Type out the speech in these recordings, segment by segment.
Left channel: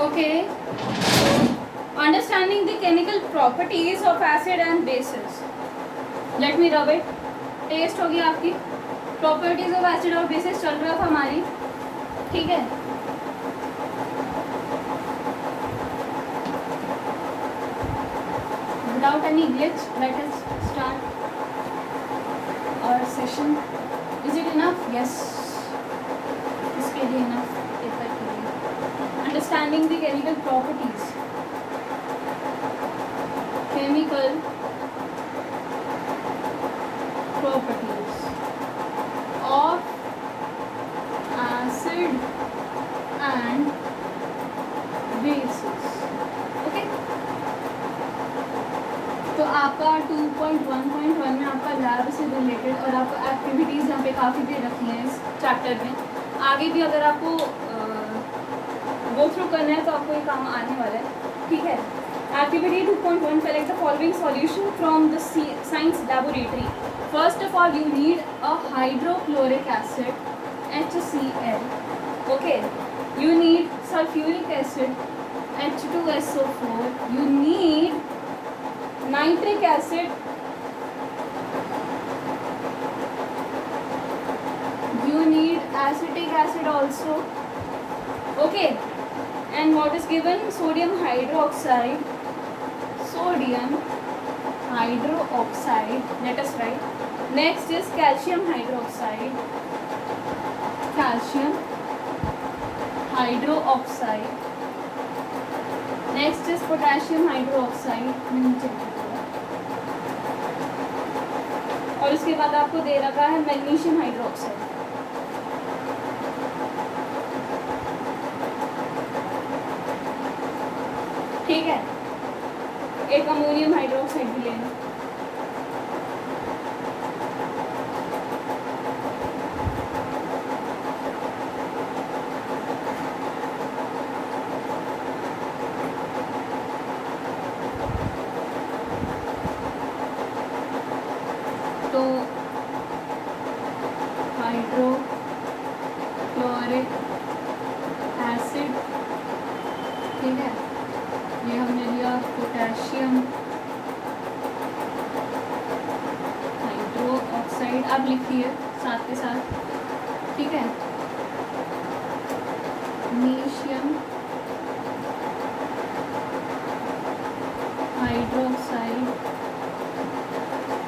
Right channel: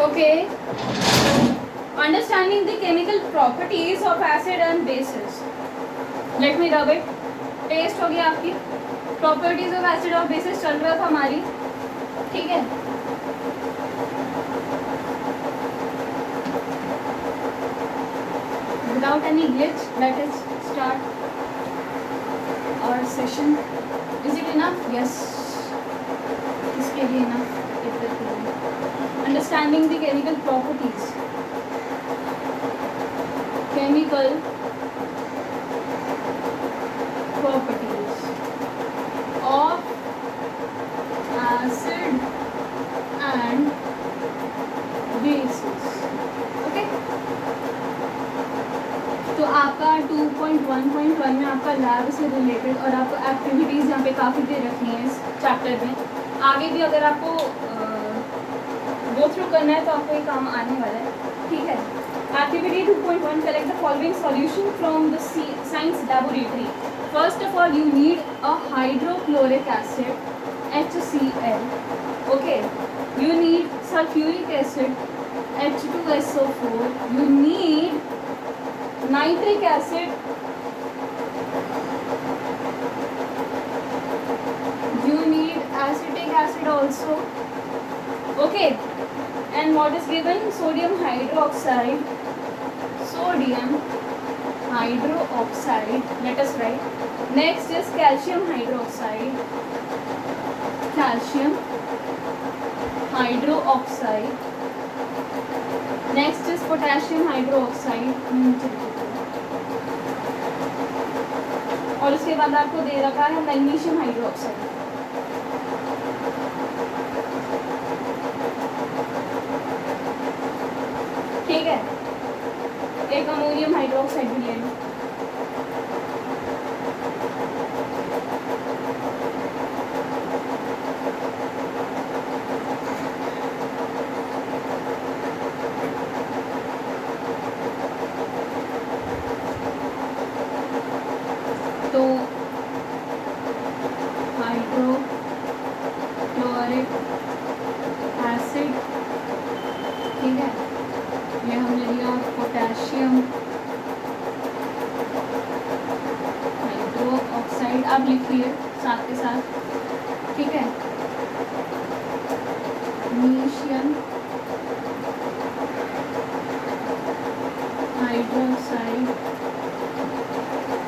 Okay. Understanding the chemical properties of acid and bases. Let me rub it. Test होगी आपकी. Properties of acid और bases चल रहा था हमारी. ठीक है. Without any glitch, let us start our session. Is it enough? Yes. इसके लिए enough. Understanding the chemical properties. Chemical properties of acid and bases. Okay. तो आपका 2.1.1 में आपका लैब से रिलेटेड और आपको एक्टिविटीज़ यहाँ पे काफ़ी दे रखी हैं इस चैप्टर में. आगे भी अगर आपको गो थ्रू करना है तो आपको ये काम आने वाला है. ठीक है. Activity 2.1, collect the following solution from the science laboratory. First of all, you need a hydrochloric acid, HCl. Okay. You need sulfuric acid, H2SO4. You need nitric acid. You need acetic acid also. Okay. And what is given? Sodium hydroxide. Sodium hydroxide. Let us write. Next is calcium hydroxide. Calcium hydroxide. Next is potassium hydroxide. और इसके बाद आपको दे रखा है magnesium hydroxide. ठीक है. एक ammonium hydroxide भी लेंगे. तो हाइड्रोक्लोरिक एसिड. ठीक है. ये हम ले लिया पोटेशियम हाइड्रोक्साइड. आप लिखिए साथ के साथ. ठीक है. Magnesium hydroxide,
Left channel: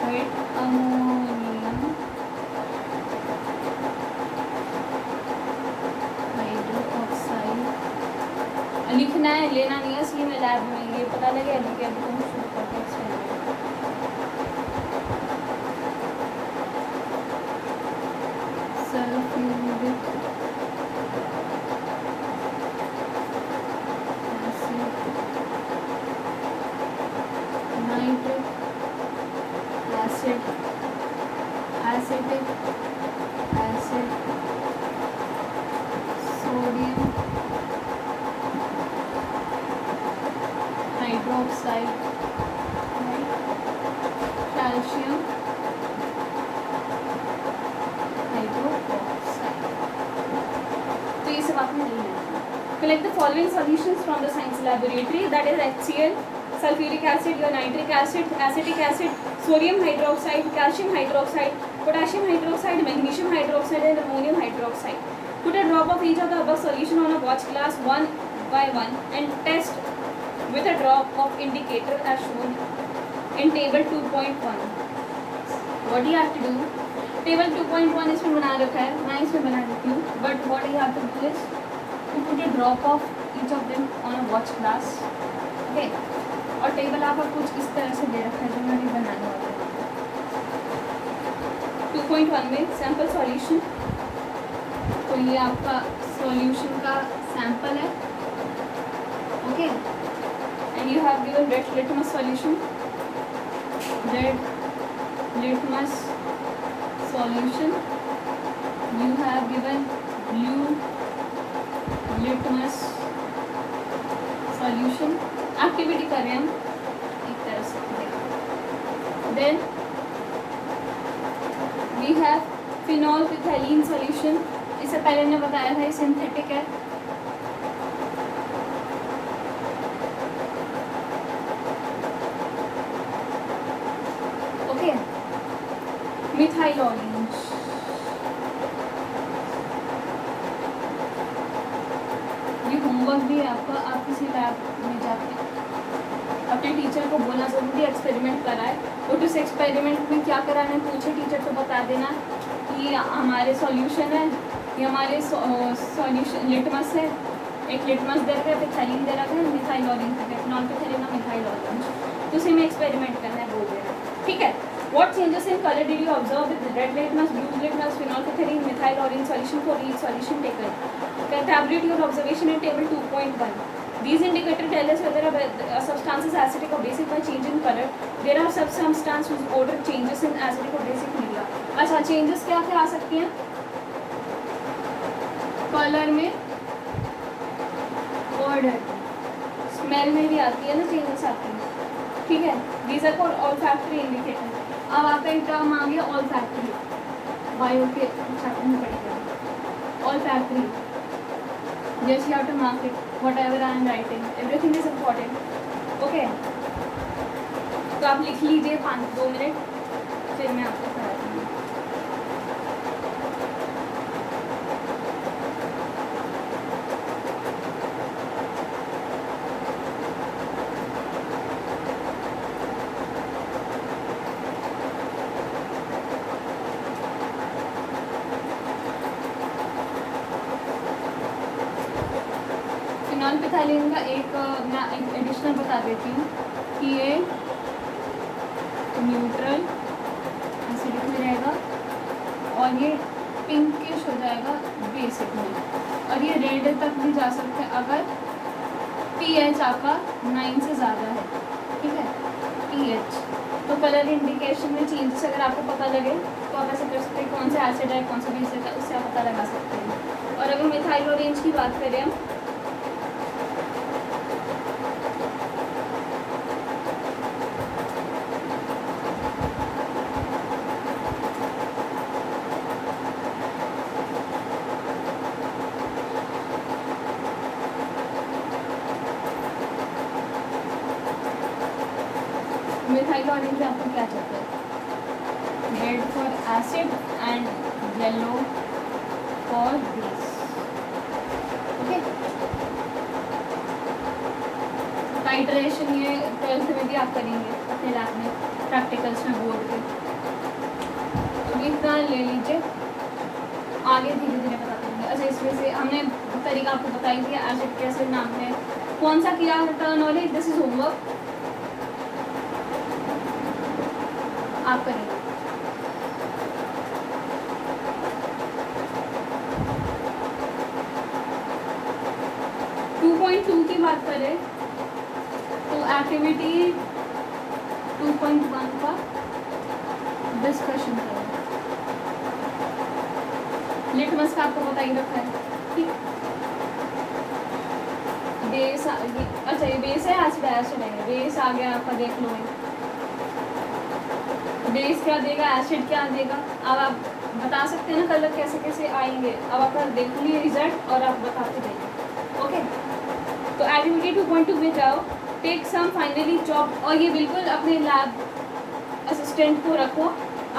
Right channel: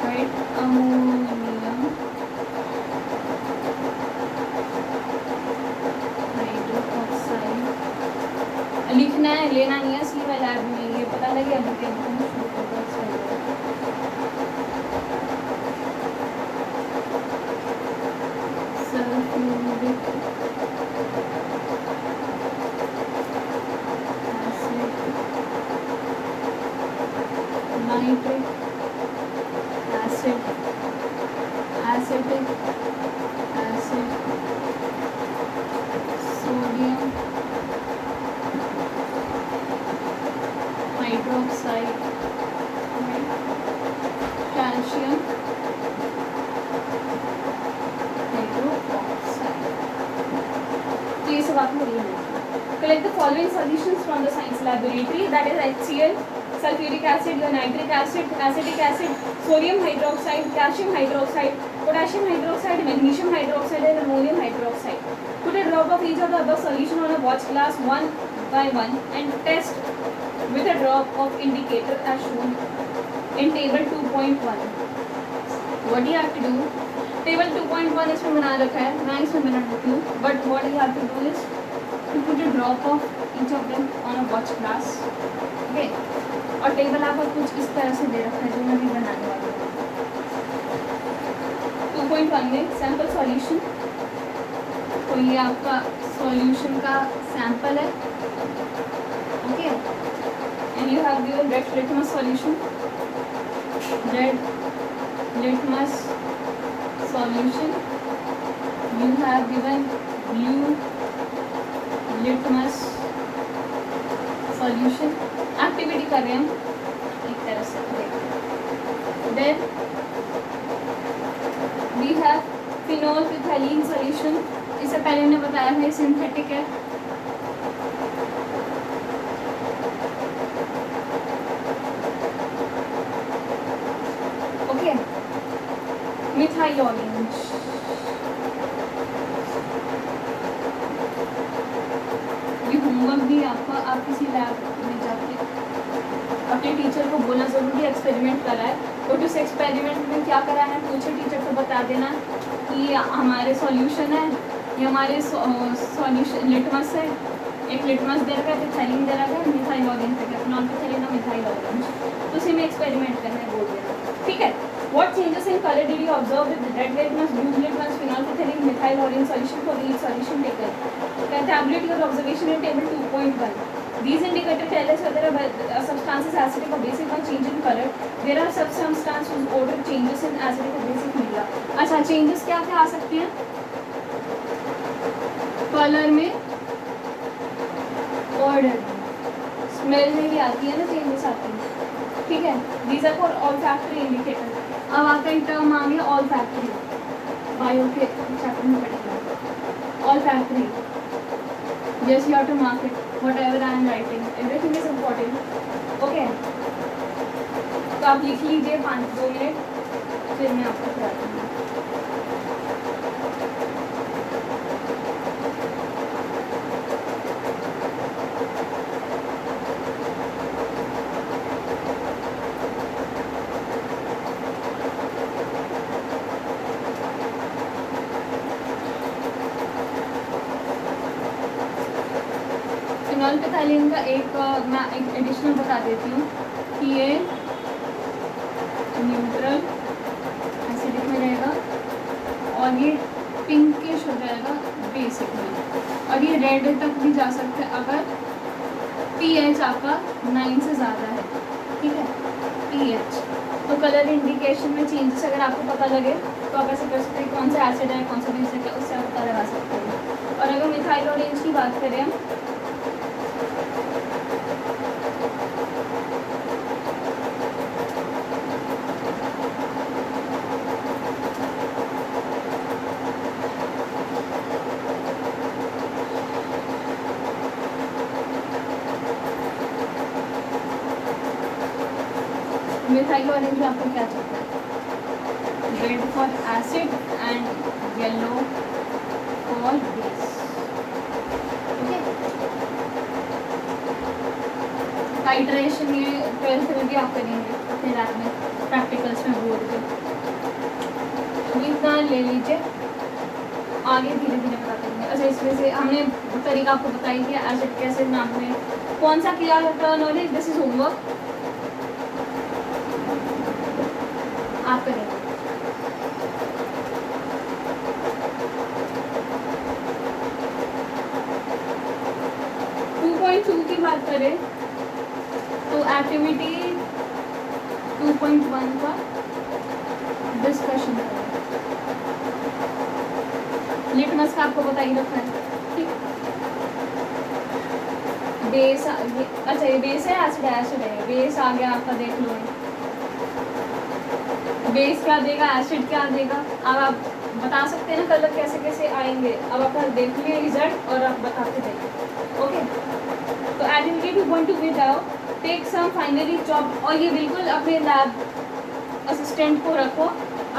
right. Ammonium hydroxide. लिखना है, लेना नहीं है. इसलिए मैं लैब में ये पता लगे लिखे शुरू कर दिया. Sulphuric nitric acid, acetic acid, sodium hydroxide, calcium hydroxide. तो ये सब आपने लेना है. Collect the following solutions from the science laboratory. That is HCl, sulfuric acid, your nitric acid, acetic acid, sodium hydroxide, calcium hydroxide, potassium hydroxide, magnesium hydroxide, and ammonium hydroxide. Put a drop of each of the above solution on a watch glass one by one and test with a drop of indicator as shown in table 2.1. What do you have to do? Table 2.1 इसमें बना रखा है. मैं इसमें बना देती हूँ. But what you have to do is to put a drop of each of them on a watch glass. Okay. और टेबल आपको कुछ इस तरह से दे रखा है जो मैं भी बनाने वाली हूँ. 2.1 में सैम्पल सॉल्यूशन. तो ये आपका सॉल्यूशन का सैंपल है. Okay. And you have given red litmus solution. Red litmus solution. You have given blue litmus solution. Activity कर रहे हैं हम एक तरह से. Then we have phenolphthalein solution. इससे पहले हमने बताया था ये सिंथेटिक है. Methyl orange. ये होमवर्क भी आपका, आप किसी लैब में जाके अपने टीचर को बोलना ज़रूरी एक्सपेरिमेंट कराए, और उस एक्सपेरिमेंट में क्या कराना है पूछे, टीचर को बता देना कि हमारे सॉल्यूशन है, ये हमारे सॉल्यूशन लिटमस है, एक लिटमस दे रखा है, पिथाइलिन दे रखा है, मिथाइल ऑरेंज दे रखा है, नॉन पिथाइलिन और मिथाइल ऑरेंज, तो उसी में एक्सपेरिमेंट करना है, बोल देना, ठीक है। What changes in color did you observe with the red litmus, blue litmus, phenolphthalein, methyl orange solution for each solution taken? Tabulate your observation in table 2.1. These indicators tell us whether a substance is acidic or basic by change in color. There are some substances whose odor changes in acidic or basic media. अच्छा, changes क्या क्या आ सकते हैं colour में? Order, smell में भी आती है ना चेंजेस आती है, ठीक है। These are for olfactory indicator. अब आपका एक टर्म आ गया ऑल्फैक्टरी, बायो के चैप्टर में पढ़ेगा ऑल्फैक्टरी, जैसे you have to mark it whatever I am writing, everything is important, okay. तो आप लिख लीजिए 2 मिनट, फिर मैं आपको कराती हूँ। फिनॉल्फिथाइलिन का मैं एक एडिशनल बता देती हूँ कि ये न्यूट्रल एसिडिक में रहेगा और ये पिंकिश हो जाएगा बेसिक में, और ये रेड तक भी जा सकता है अगर पीएच आपका 9 से ज़्यादा है, ठीक है, पीएच। तो कलर इंडिकेशन में चेंजेस अगर आपको पता लगे तो आप ऐसे कर सकते हैं कौन सा एसिड है कौन सा बेसिक है, उससे आप पता लगा सकते हैं। और अगर मिथाइल ऑरेंज की बात करें हम, मिथाइल ऑरेंज में आपको क्या चाहिए? Red for acid and yellow for base, okay. Titration ये 12th में भी आप करेंगे अपने लैब में, प्रैक्टिकल्स में, बोर्ड पे, लिख ले लीजिए, आगे धीरे धीरे बता देंगे। अच्छा, इसमें से हमने तरीका आपको बताई कि एसिड कैसे नाम में कौन सा किया नॉलेज, दिस इज होमवर्क आप करेंगे। की बात करें तो एक्टिविटी 2.1 का डिस्कशन करें। लिटमस का आपको बता ही रखा है, ठीक। बेस, अच्छा ये बेस है, एसिड है, बेस आ गया आपका, देख लो बेस क्या देगा, एसिड क्या देगा। अब आप बता सकते हैं कलर कैसे कैसे आएंगे, अब आप देखिए रिजल्ट और आप बताते जाइए, ओके। तो एक्टिविटी 2.2 में जाओ, टेक सम फाइनली चॉप, और ये बिल्कुल अपने लैब असिस्टेंट को रखो,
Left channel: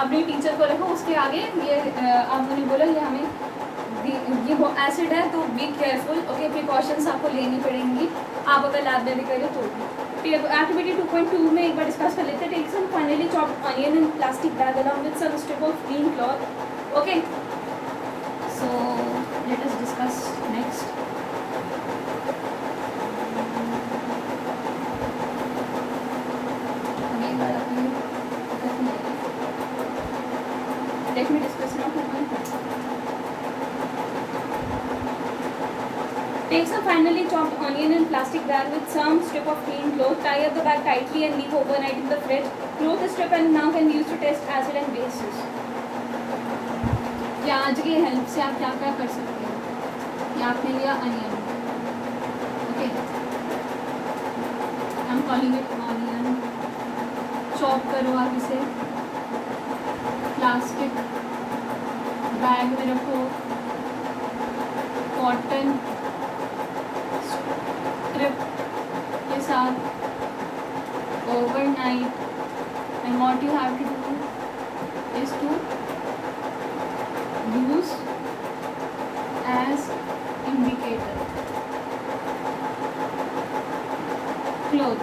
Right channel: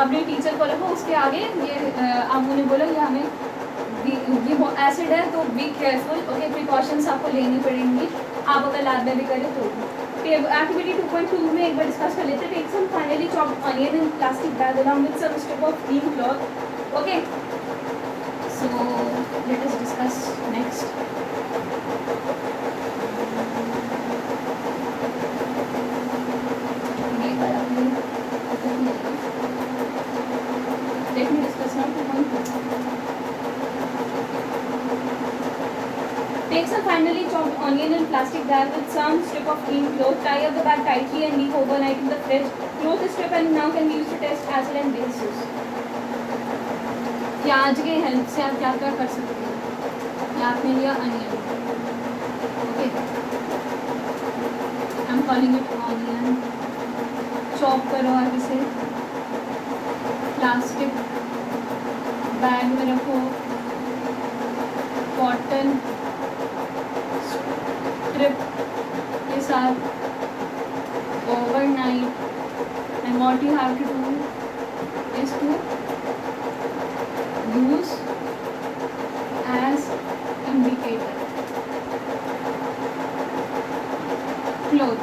अपने टीचर को रखो, उसके आगे ये आप उन्हें बोलो ये हमें ये एसिड है तो बी केयरफुल, ओके, प्रिकॉशंस आपको लेनी पड़ेंगी, आप अगर लैब में भी करें तो। एक्टिविटी 2.2 में एक बार डिस्कस कर लेते हैं। Take some finely chopped onion in plastic bag along with some strip of clean cloth, okay. So let us discuss next. Let me discuss now 2.2. Take some finely chopped onion in plastic bag with some strip of clean cloth. Tie up the bag tightly and leave overnight in the fridge. Close the strip and now can be used to test acid and bases. प्याज के help से आप क्या क्या कर सकते हैं? ये आपने लिया onion, okay, I am calling it onion. Chop करो आप इसे, प्लास्टिक बैग में रखो, कॉटन स्ट्रिप के साथ overnight, and what you have to do is to cloth,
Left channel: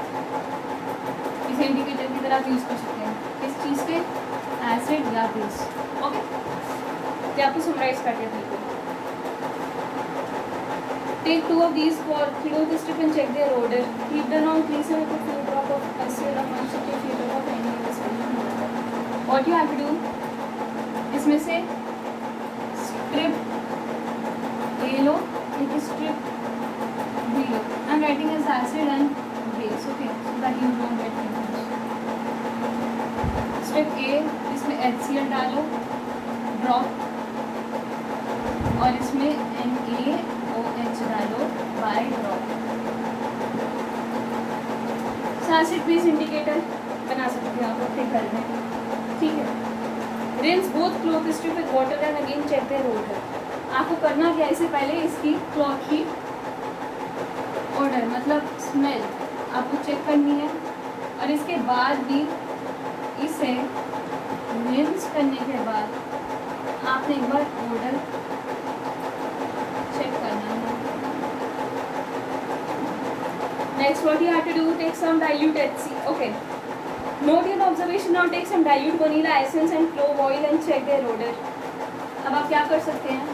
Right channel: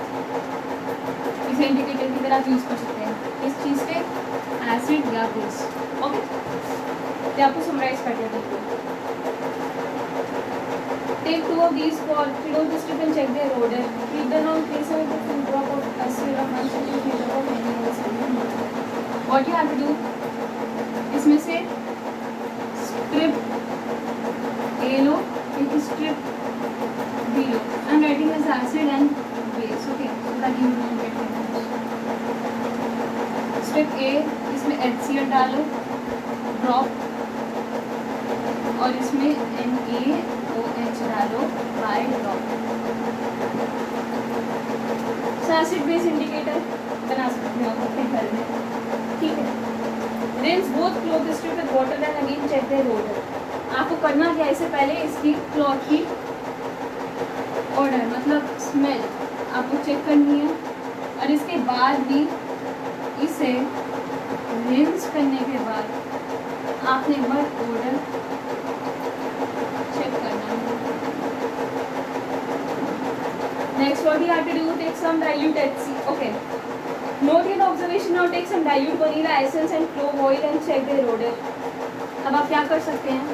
इसे इंडिकेटर की तरह यूज़ कर सकते हैं किस चीज़ के, एसिड या बेस। ओके, तो आपको समराइज कर दिया बिल्कुल। Take 2 of these for 3 of the strip and check their odor. Keep the non-traceable with a drop of acid or sensitive drop of any solution. What you have to do, इसमें से strip A लो, एक strip B low. I'm writing as acid and base, okay, so that you don't get confused. Strip A, इसमें HCl डालो, drop, और इसमें NaOH डालो by drop. Acid base indicator बना सकते हो आप अपने घर में, ठीक है। Rinse both cloth strip with water and again check their odour. आपको करना क्या, इससे पहले इसकी क्लॉथ की ओडर मतलब स्मेल आपको चेक करनी है, और इसके बाद भी इसे रिंस करने के बाद आपने एक बार ओडर चेक करना है। Next, what you have to do, take some dilute HC. Okay. Note your observation. Now take some dilute vanilla essence and clove oil and check their odor. अब आप क्या कर सकते हैं,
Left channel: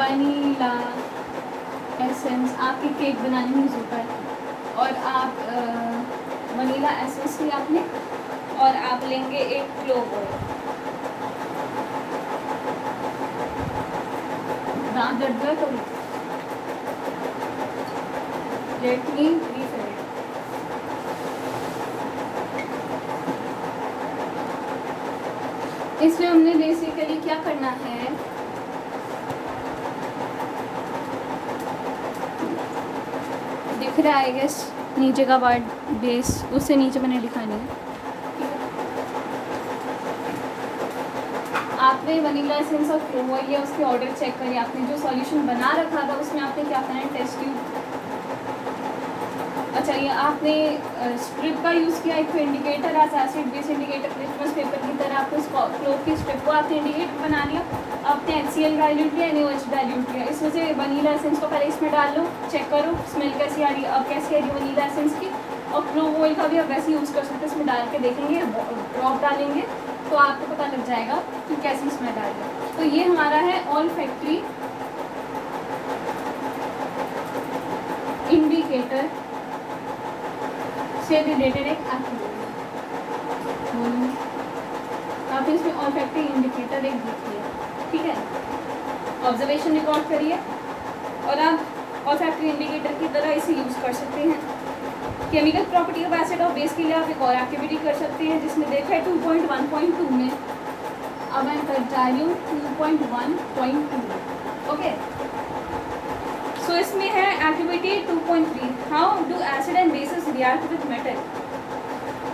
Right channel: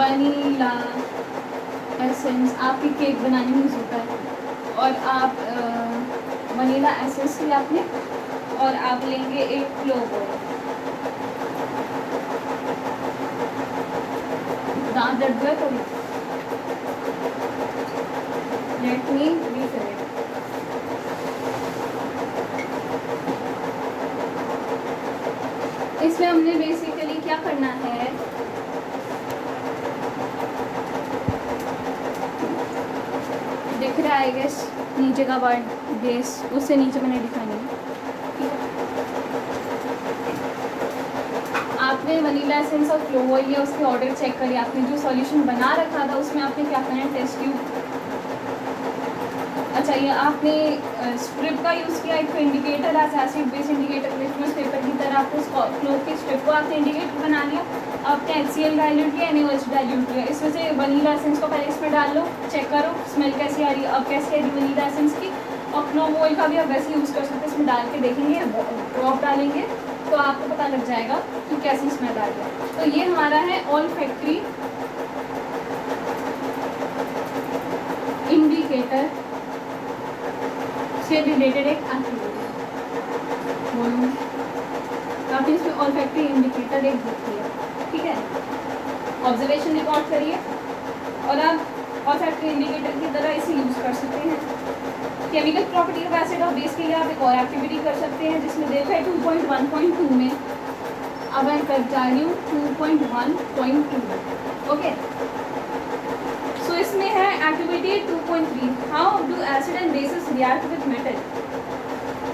वनीला एसेंस आपकी cake बनाने में यूज होता है, और आप वनीला एसेंस लिया आपने, और आप लेंगे एक क्लोव ऑयल। दांत दर्द करें, लेट मी रीफिल इट। इसमें हमने बेसिकली क्या करना है, दिख रहा है गैस नीचे का पार्ट बेस, उससे नीचे मैंने लिखा नहीं। आपने वनीला एसेंस और क्लोव ऑयल या उसके ऑर्डर चेक करिए, आपने जो सॉल्यूशन बना रखा था उसमें आपने क्या करना है, टेस्ट ट्यूब। अच्छा, ये आपने स्ट्रिप का यूज़ किया, एक indicator as acid base indicator litmus paper की तरह, आपको क्लोथ की स्ट्रिप को आपने इंडिकेटर बना लिया। आपने HCl डाइल्यूट किया, NaOH डाइल्यूट किया, इसमें से वनीला एसेंस को पहले इसमें डाल लो, चेक करो स्मेल कैसी आ रही है। अब कैसी आ रही है वनीला एसेंस की, और क्लोव ऑयल का भी आप वैसे यूज़ कर सकते हैं, इसमें डाल के देखेंगे, ड्रॉप डालेंगे तो आपको पता लग जाएगा कि कैसी स्मेल आ रही है। तो ये हमारा है ऑल फैक्ट्री इंडिकेटर से रिलेटेड एक एक्टिविटी। आपने इसमें ऑल फैक्ट्री इंडिकेटर एक देखी है, ठीक है। ऑब्जर्वेशन रिकॉर्ड करिए, और आप ऑल फैक्ट्री इंडिकेटर की तरह इसे यूज़ कर सकते हैं। केमिकल प्रॉपर्टी ऑफ एसिड और बेस के लिए आप एक और एक्टिविटी कर सकते हैं, जिसमें देखा है 2.1.2 में, अब मैं कर जा रही हूँ 2.1.2। ओके, सो इसमें है activity 2.3, how do acid and bases react with metal.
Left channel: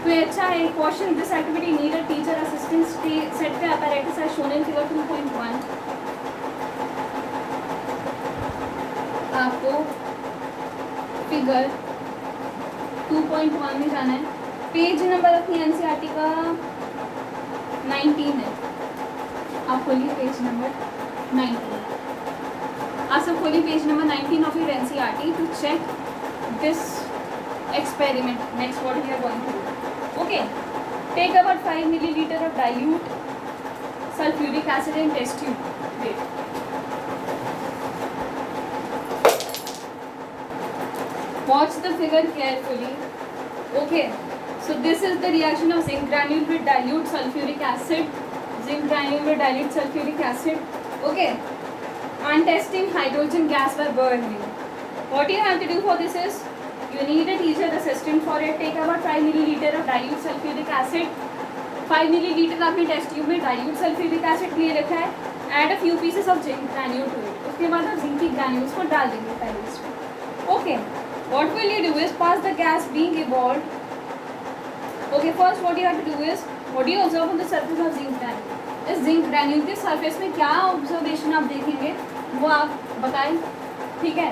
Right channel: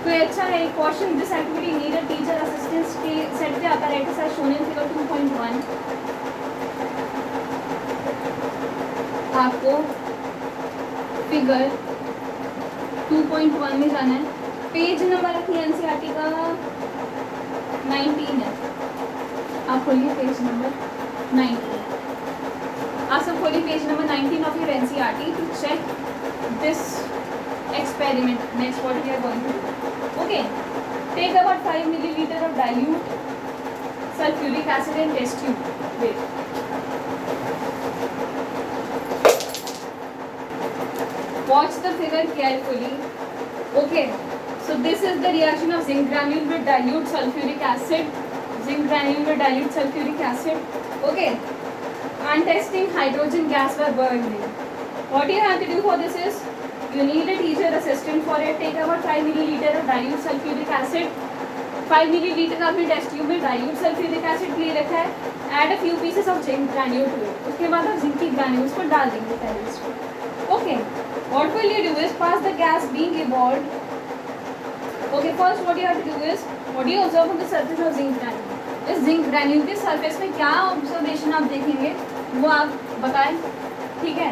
तो ये अच्छा है question, this activity need a teacher assistance set the apparatus as shown in figure 2.1। आपको फिगर 2.1 में जाना है, पेज नंबर अपनी NCERT का 19 है, आप खोलिए पेज नंबर 19। आप सब खोलिए page number 19 of your NCERT to check this experiment. Next, what we are going to do? Okay, take about 5 milliliter of dilute sulfuric acid and test tube. Wait. Watch the figure carefully. Okay, so this is the reaction of zinc granule with dilute sulfuric acid. Zinc granule with dilute sulfuric acid. Okay, and testing hydrogen gas were burning. What you have to do for this is, you need a teacher assistant for it. Take about 5 milliliter of dilute sulfuric acid. 5 milliliter आपने test tube में dilute sulfuric acid ले रखा है। Add a few pieces of zinc granule to it. उसके बाद आप zinc की granules को डाल देंगे पहले इसमें। Okay, what will you do is pass the gas being evolved. Okay, first what you have to do is, what do you observe on the surface of zinc granule? इस zinc granule के surface में क्या observation आप देखेंगे वो आप बताएं, ठीक है।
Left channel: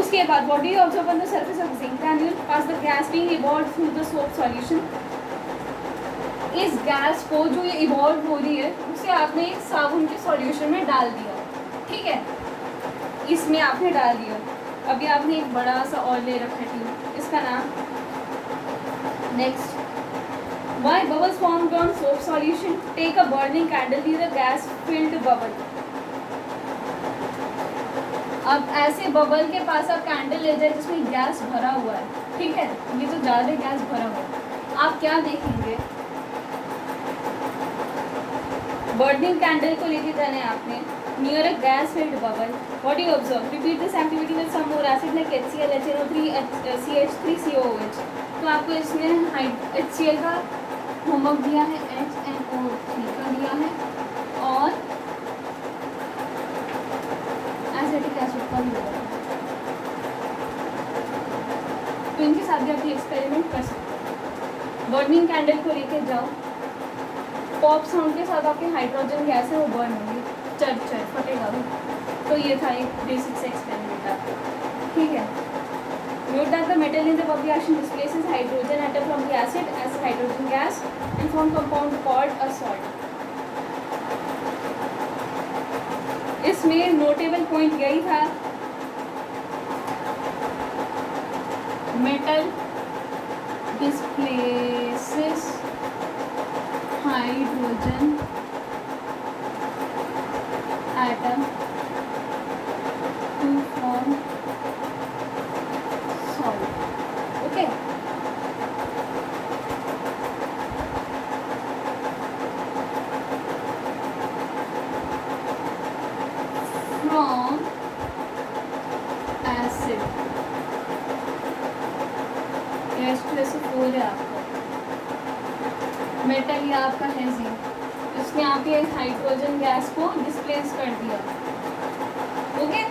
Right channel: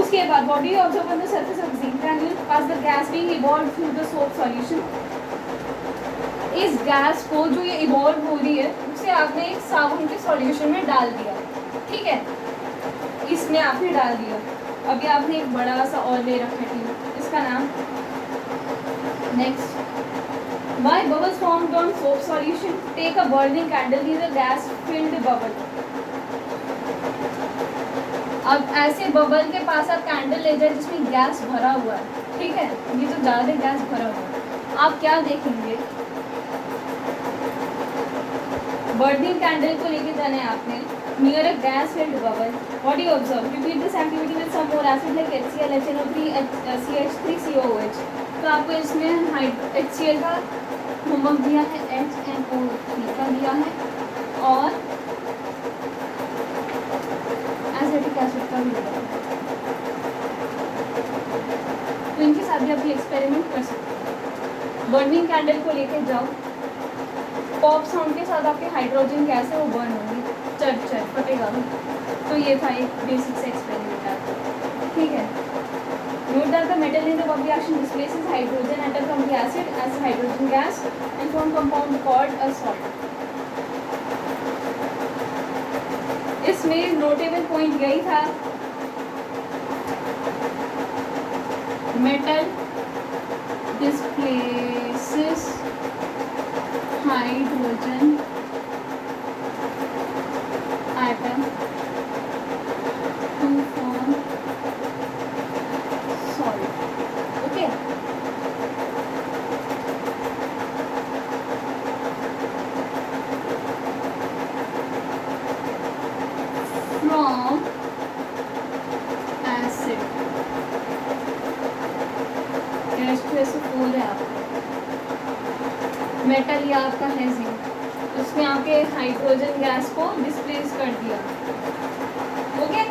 उसके बाद what do you observe on the surface of zinc granule? As the gas being evolved through the soap solution. इस गैस को जो ये इवॉल्व हो रही है उसे आपने एक साबुन के सॉल्यूशन में डाल दिया, ठीक है, इसमें आपने डाल दिया। अभी आपने एक बड़ा सा और ले रखा है ट्यूब, इसका नाम next. Why bubbles formed on soap solution? Take a burning candle near a gas filled bubble. अब ऐसे बबल के पास आप कैंडल ले जाए जिसमें गैस भरा हुआ है, ठीक है, ये तो ज़्यादा गैस भरा हुआ है, आप क्या देखेंगे? बर्निंग कैंडल को लेके जाना है आपने near a gas filled bubble. What you observe? Repeat this activity with some more acid like HCl, HNO3, CH3COOH। तो आपको इसने HCl का होमवर्क दिया है, HNO3 का दिया है और एसिटिक एसिड का भी दिया है। तो इनके साथ भी आप ये एक्सपेरिमेंट कर सकते हैं। बर्निंग कैंडल को लेके जाओ, पॉप साउंड के साथ आपके हाइड्रोजन गैस है वो बर्न होगी, चल फटेगा भी। तो ये था एक बेसिक से एक्सपेरिमेंट आपका, ठीक है। Note that the metal in the bubble reaction displaces hydrogen atom from the acid as hydrogen gas and form compound called a salt. इसमें नोटेबल पॉइंट यही था, metal displaces hydrogen atom to form salt. Okay. From acid. H2SO4 है आपका, metal ये आपका है zinc, उसने आपके हाइड्रोजन गैस को डिस्प्लेस कर दिया। ओके,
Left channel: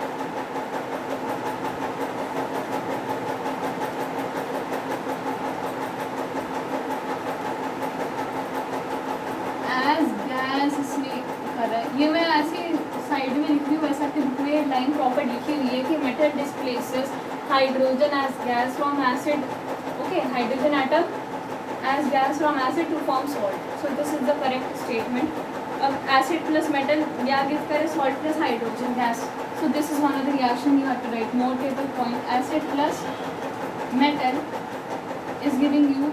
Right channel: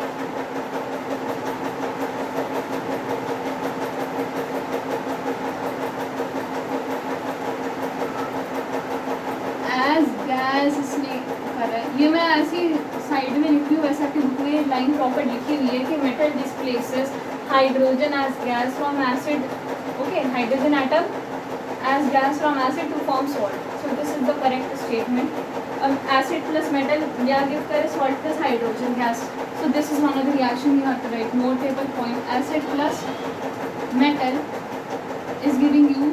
एज गैस इसने कर रहा है। ये मैं ऐसी साइड में लिखी हूँ, वैसे आपके बुक में लाइन प्रॉपर लिखी हुई है कि metal displaces hydrogen as gas from acid. Okay, hydrogen atom as gas from acid to form salt. So this is the correct statement. Acid plus metal yeah give kare salt plus hydrogen gas. So this is one of the reaction you have to write. Notable point: acid plus metal is giving you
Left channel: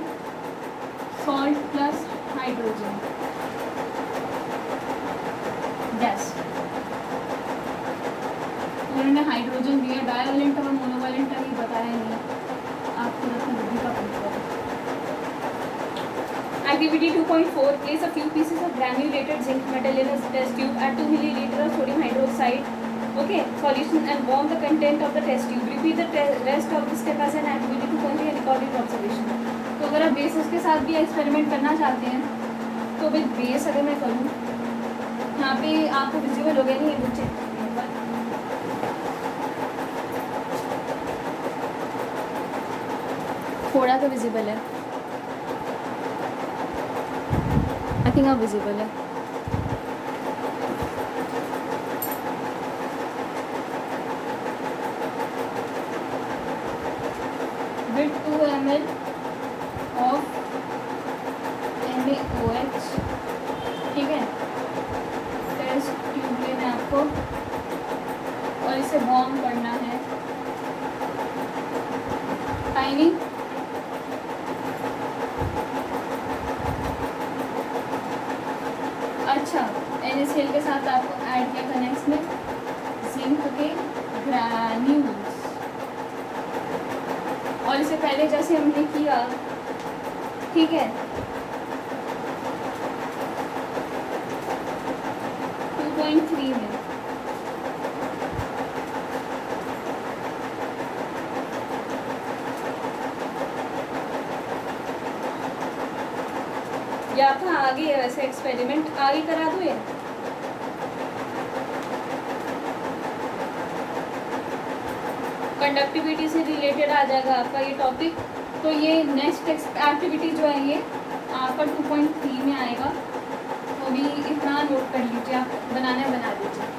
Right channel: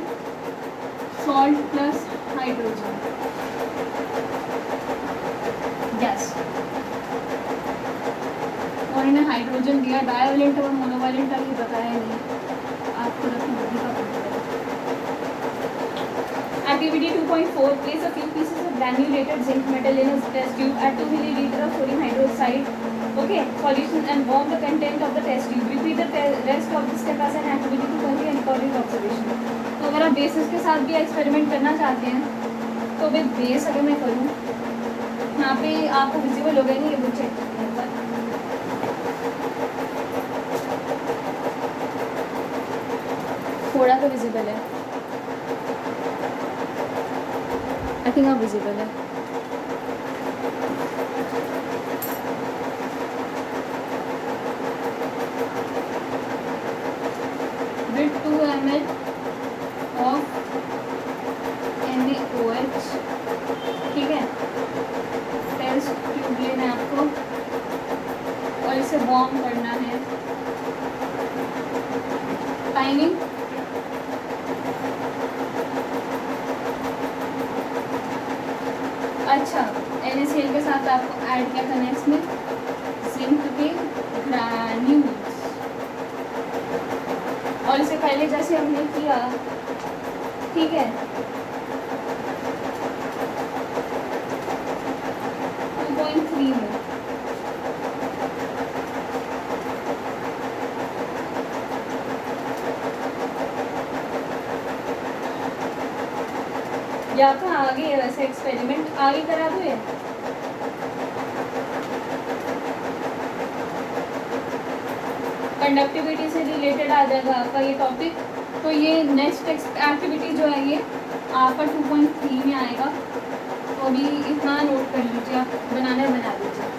salt plus hydrogen gas. और इन्हें hydrogen दिया, divalent और monovalent का भी बताया नहीं आपको, बुद्धि का पता। Activity 2.4. Place a few pieces of granulated zinc metal in a test tube. Add 2 milliliter of sodium hydroxide, okay, solution and warm the content of the test tube. Repeat the rest of the step as an activity to complete a recorded observation. तो अगर आप basis के साथ भी experiment करना चाहते हैं तो विद बेस अगर मैं करूँ, यहाँ पे आपको विजिबल हो गया नहीं ये बच्चे, थोड़ा तो विजिबल है, I think how visible है। With 2 ml of NaOH, ठीक है, टेस्ट ट्यूब लेना है आपको और इसे वार्म करना है। टाइमिंग अच्छा, NaCl के साथ आपको ऐड क्या करना है इसमें, जिंक के ग्रैन्यूल्स, और इससे पहले जैसे हमने किया, ठीक है, 2.3 में या कहाँ आगे है, वैसे एक्सपेरिमेंट आगे करा दो ये। कंडक्टिविटी से रिलेटेड आ जाएगा आपका ये टॉपिक। तो ये नेक्स्ट एक्टिविटी जो है ये आपका 2.3 में आएगा, तो भी इतना नोट कर लीजिए, आप बना दीजिए।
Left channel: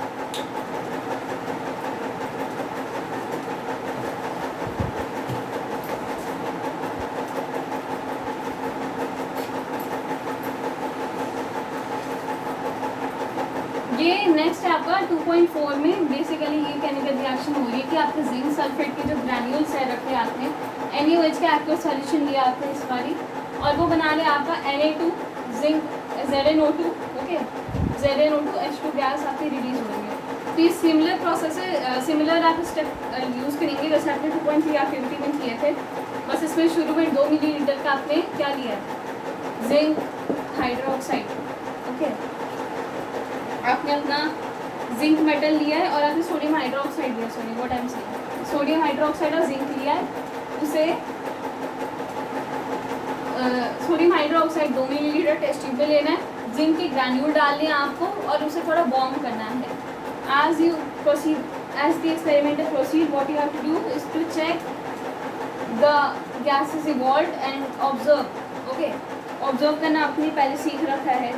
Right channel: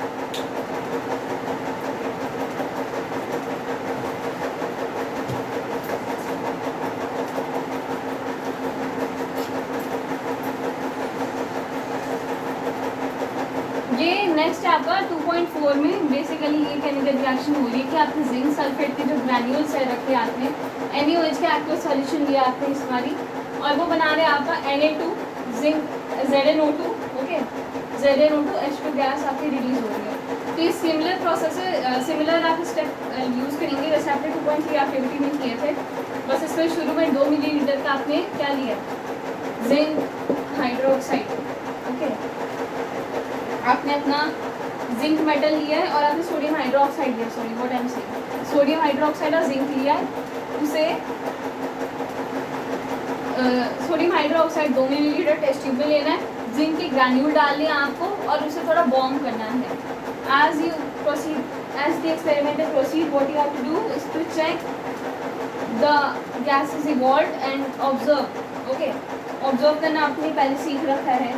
ये नेक्स्ट आपका 2.4 में बेसिकली ये केमिकल रिएक्शन हो रही है कि आपके जिंक सल्फेट के जो ग्रैन्यूल्स है रखे आपने NaOH का एक्वस सॉल्यूशन लिया आपने इस बारी और वो बना रहे आपका Na2 zinc ZnO2 okay ZnO2 H2 gas आपकी रिलीज हो रही है। तो ये सिमिलर प्रोसेस है, सिमिलर आप स्टेप यूज़ करेंगे जैसे आपने 2.3 एक्टिविटी में किए थे, बस इसमें शुरू में 2 मिलीलीटर का आपने क्या लिया है जिंक हाइड्रोक्साइड ओके आपने अपना जिंक मेटल लिया है और आपने सोडियम हाइड्रोक्साइड लिया sorry what I am saying sodium hydroxide और जिंक लिया है उसे sodium hydroxide 2 millilitre test tube में लेना है, जिंक के ग्रैन्यूल डालने हैं आपको और उसे थोड़ा वार्म करना है। As you proceed as the experiment proceed what you have to do is to check the gas is evolve and observe okay observe करना आपने पहले सीख रखा है।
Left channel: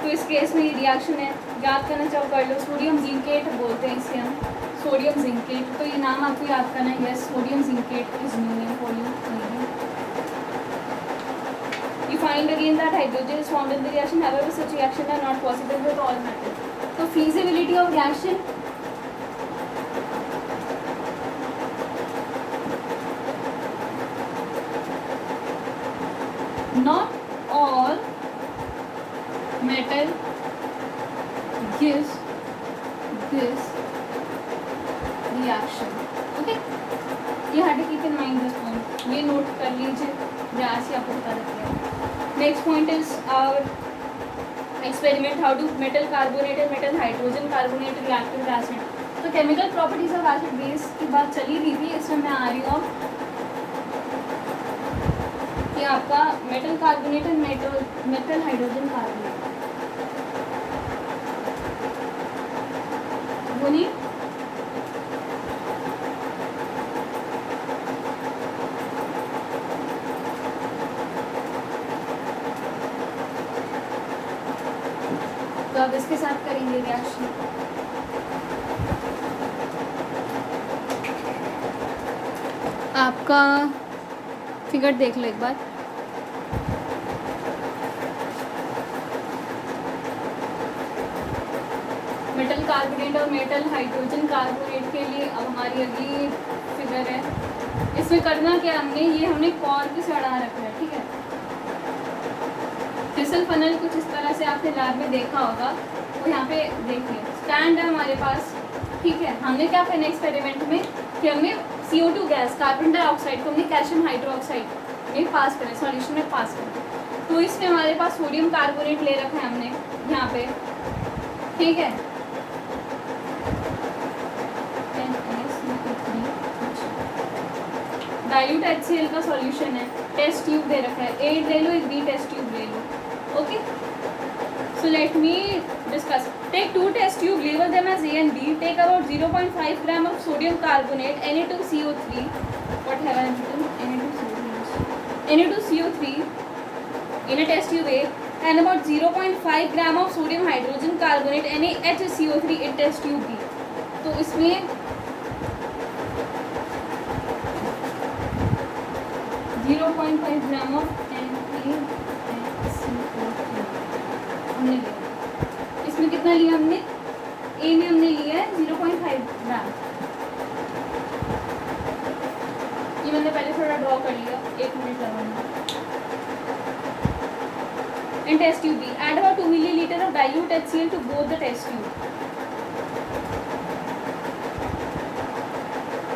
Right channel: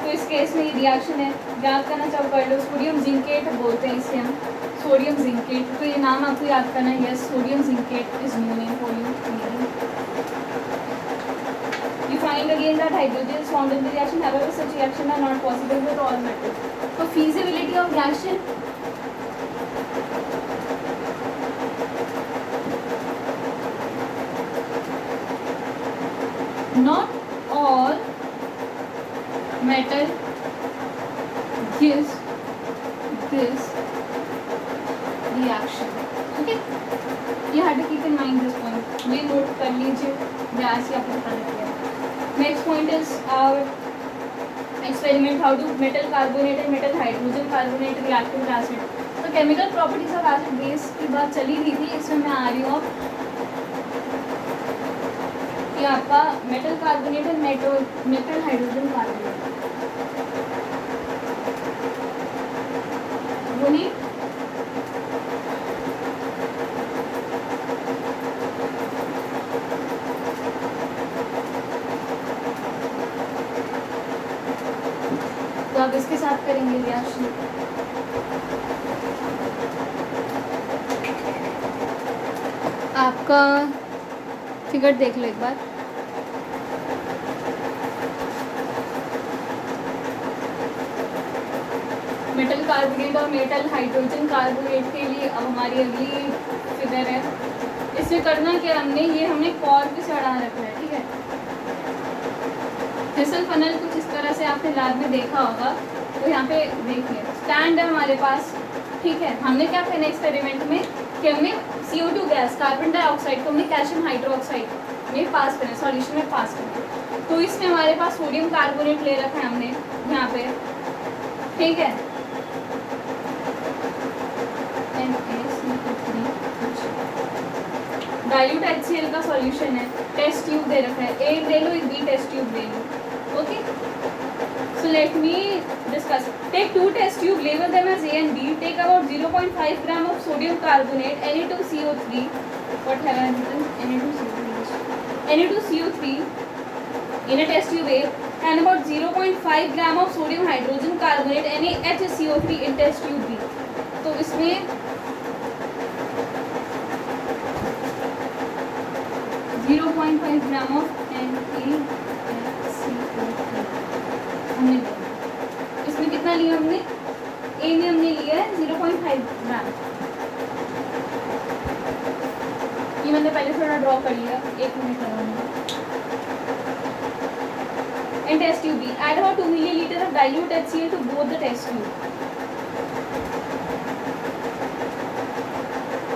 तो इस केस में ये रिएक्शन है, याद करना चाहो कर लो, सोडियम जिंकेट बोलते हैं इसे हम सोडियम जिंकेट, तो ये नाम आपको याद करना है। Yes sodium zincate is new name for you. You find again that hydrogen is formed in the reaction, however such reaction are not possible with all metals. So feasibility of reaction not all metal gives this reaction. Okay, you have to keep in mind this point. ये note कर लीजिए, gas या पता लगेगा। Next point is our experiment how do metal carbonate and metal hydrogen carbonate react with acid. तो chemical properties of acid base की बात चली रही थी, इसमें मैं आ रही हूँ कि आपका metal carbonate and metal hydrogen carbonate बोलिए तो अब इसके साथ करेंगे रिएक्शन। आपका फिगर देख लो एक बार। मेटल कार्बोनेट और मेटल हाइड्रोजन कार्बोनेट के लिए अब हमारी अगली फिगर है। इसमें करना क्या हमने कॉर्क से अड़ा रखना है, ठीक है। फिसल फनल कुछ इस तरह से आपने लैब में देखा होगा, तो यहाँ पे देखिए स्टैंड है हमारे पास, ठीक है। हमने क्या करना है एक्सपेरिमेंट में कि हमने CO2 गैस कार्बन डाइऑक्साइड को हमने कैल्शियम हाइड्रोक्साइड में पास करना, सॉल्यूशन में पास करना। तो इसमें हमारे पास सोडियम कार्बोनेट ले रखा है हमने यहाँ पे, ठीक है। डाइल्यूट HCl का सॉल्यूशन है, टेस्ट ट्यूब दे रखा है, A ले लो, एक B टेस्ट ट्यूब ले लो, okay. So let me discuss. Take 2 test tube, label them as A and B. Take about 0.5 gram of sodium carbonate, Na2CO3. What have I written? Na2CO3 in a test tube A, and about 0.5 gram of sodium hydrogen carbonate, NaHCO3 in test tube B. तो इसमें 0.5 gram of हमने लिया। इसमें कितना लिया हमने? ए में हमने लिया है 0.5 ग्राम। ये मैंने पहले थोड़ा ड्रॉ कर लिया, 1 मिनट लगाऊंगा। And test tube B, add about 2 milliliter of dilute HCl to both the test tube.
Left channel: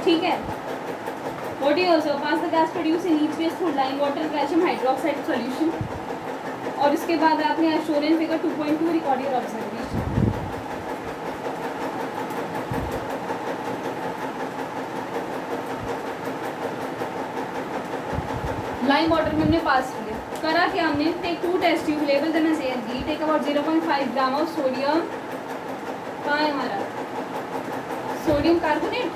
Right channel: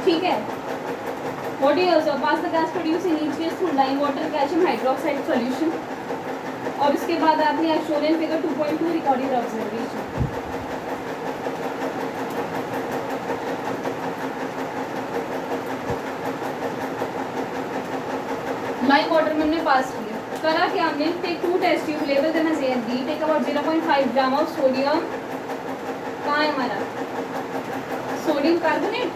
ठीक है। What do you also pass the gas produced in each case through lime water calcium hydroxide solution. और इसके बाद आपने shown in figure 2.2 recorded observation. Lime water में हमने पास किया, करा क्या हमने? टेक 2 टेस्ट ट्यूब, लेवल them as A and B, take about 0.5 gram of sodium, कहाँ है हमारा सोडियम कार्बोनेट,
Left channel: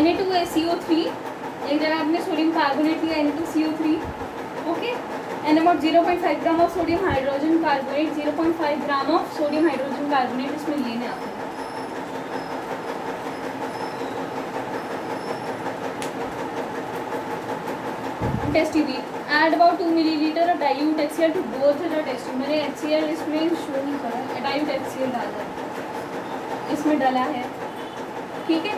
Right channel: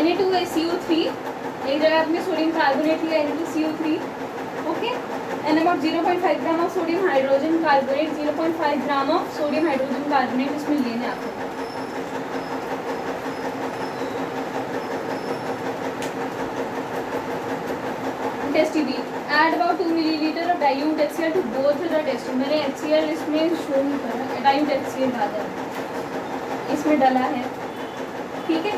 Na2CO3, एक जगह आपने सोडियम कार्बोनेट लिया Na2CO3, okay, and about 0.5 gram of sodium hydrogen carbonate, 0.5 gram of sodium hydrogen carbonate इसमें लेना है आपको। Test tube. Add about 2 millilitre of dilute HCl to go through the test. मैंने HCl इसमें शो नहीं करा, dilute HCl डाला है, इसमें डाला है, ठीक है।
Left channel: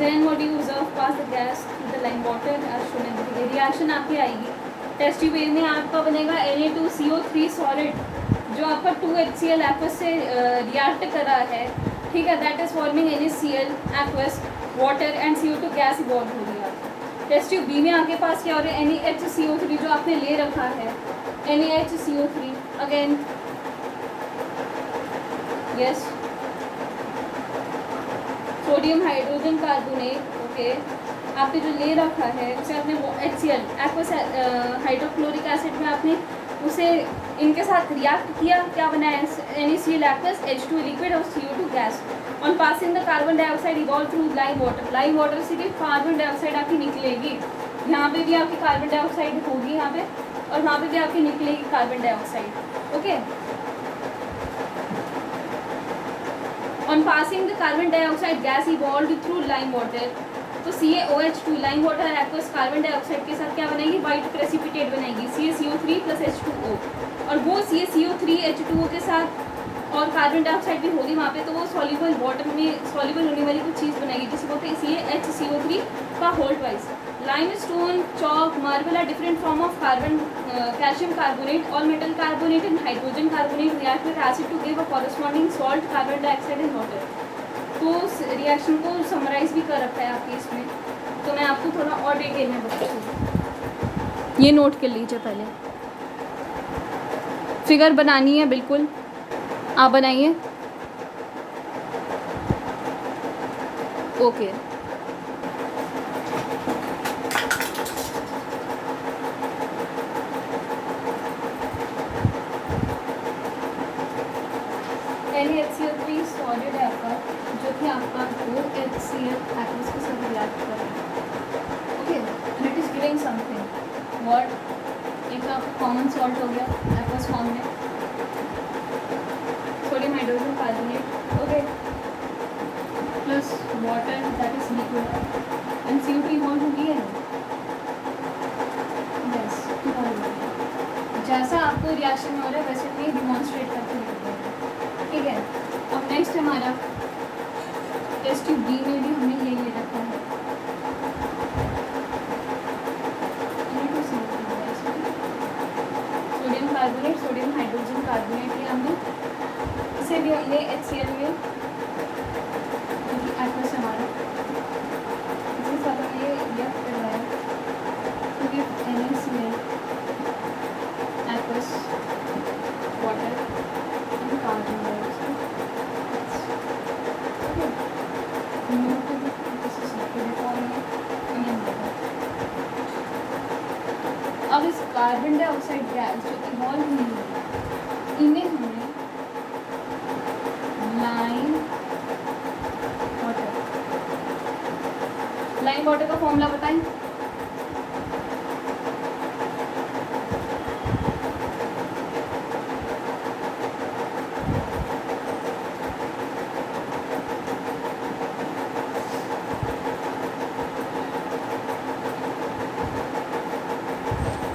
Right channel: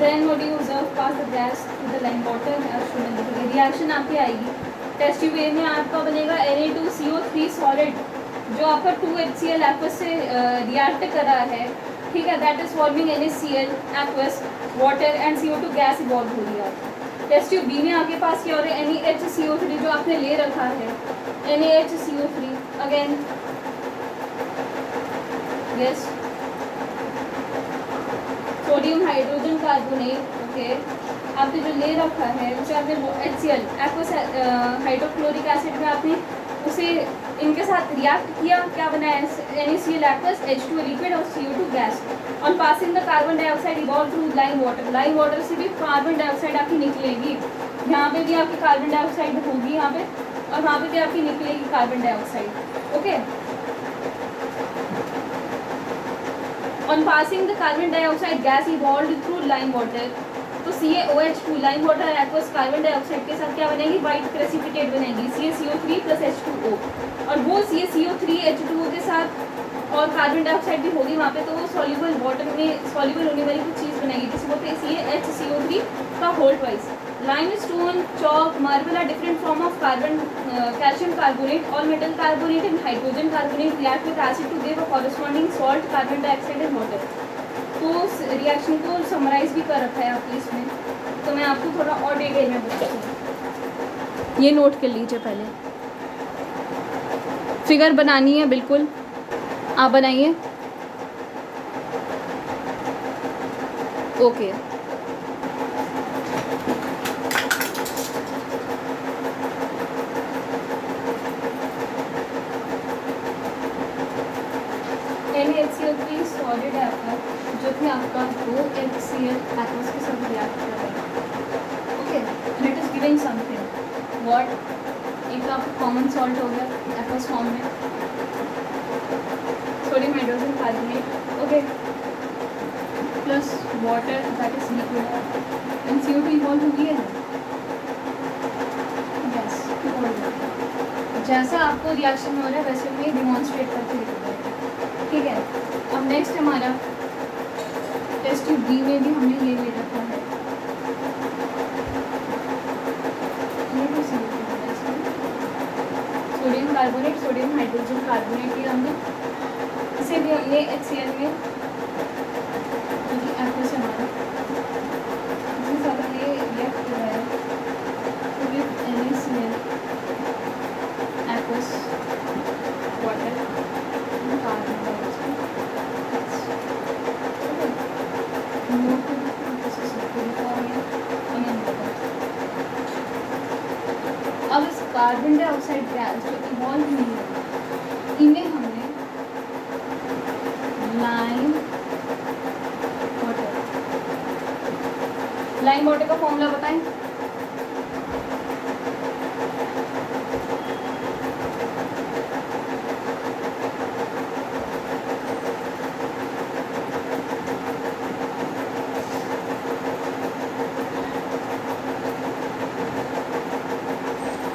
Then what do you observe pass the gas to the lime water as shown in the figure। Reaction आपकी आएगी, टेस्ट ट्यूब ए में आपका बनेगा Na2CO3 सॉलिड जो आपका 2HCl एक्वस से रिएक्ट कर रहा है, ठीक है। That is forming NaCl aqueous water and CO2 gas evolve हो रही है आपकी। टेस्ट ट्यूब बी में आपके पास क्या हो रहा है, NaHCO3 जो आपने ले रखा है, NaHCO3 again yes sodium hydrogen carbonate, okay, आपने जो ले रखा है उसे आपने HCl एक्वस हाइड्रोक्लोरिक एसिड में आपने उसे इनके साथ रिएक्ट किया, क्या बना है, NaCl एक्वस H2 लिक्विड और CO2 gas. On passing the carbon dioxide evolve through lime water, lime water से भी कार्बन डाइऑक्साइड आपकी निकलेगी, यहाँ पे भी आपकी कार्बन डाइऑक्साइड होगी यहाँ पे, और वहाँ पे भी आपकी निकलेगी carbon dioxide, okay. On passing the carbon dioxide gas evolved through lime water, तो CaOH2 lime water aqueous carbon dioxide के साथ क्या बनेगी, वाइट प्रेसिपिटेट बनेगी CaCO3 प्लस H2O, और वो CaCO3 H2O के साथ और कार्बन डाइऑक्साइड भी होगी वहाँ पे, तो वो सॉल्युबल वाटर में सॉल्युबल होने वाली कुछ चीज़ बनेगी जिसको बोलते हैं CaHCO3 का whole twice. Limestone, chalk, marble are different form of carbon calcium carbonate, all metal carbonate and hydrogen carbonate react with acid to give a corresponding salt, carbon dioxide and water. तो उस reaction को summarise भी कर रखा है आपके इसमें, तो मैं आपको थोड़ा और डिटेल में बताती हूँ, ये नोट कर लीजिए। पहले फिगर बनानी है, बिल्कुल आप बनाइए, ओके। NaHCl3 सॉलिड है आपका, जो कि आपका 2HCl एक्वस के साथ रिएक्ट कर रहा है, okay. It is giving something what, एक तो आपका कॉमन सॉल्ट हो गया एक्वस फॉर्म में, sodium hydrogen carbonate, okay, plus water that is liquid and CO2 evolve हो गया है, यस। जैसे आपको रिएक्शन हो रहा है वैसे ये डिमॉन्स्ट्रेट करके लिखा है, ठीक है। अब नेक्स्ट हमारा टेस्ट ट्यूब बी में भी हमने ये ले रखा है, sodium carbonate, sodium hydrogen carbonate, ये हमने इसे भी हमने HCl में एक्वस हमारा इसी सारा ये लेफ्ट कर रहा है, NaCl aqueous water carbon dioxide, अब इस कार्बन डाइऑक्साइड गैस जो इवॉल्व हुई है इन्हें हमने लाइम वाटर का फॉर्मूला बताएं,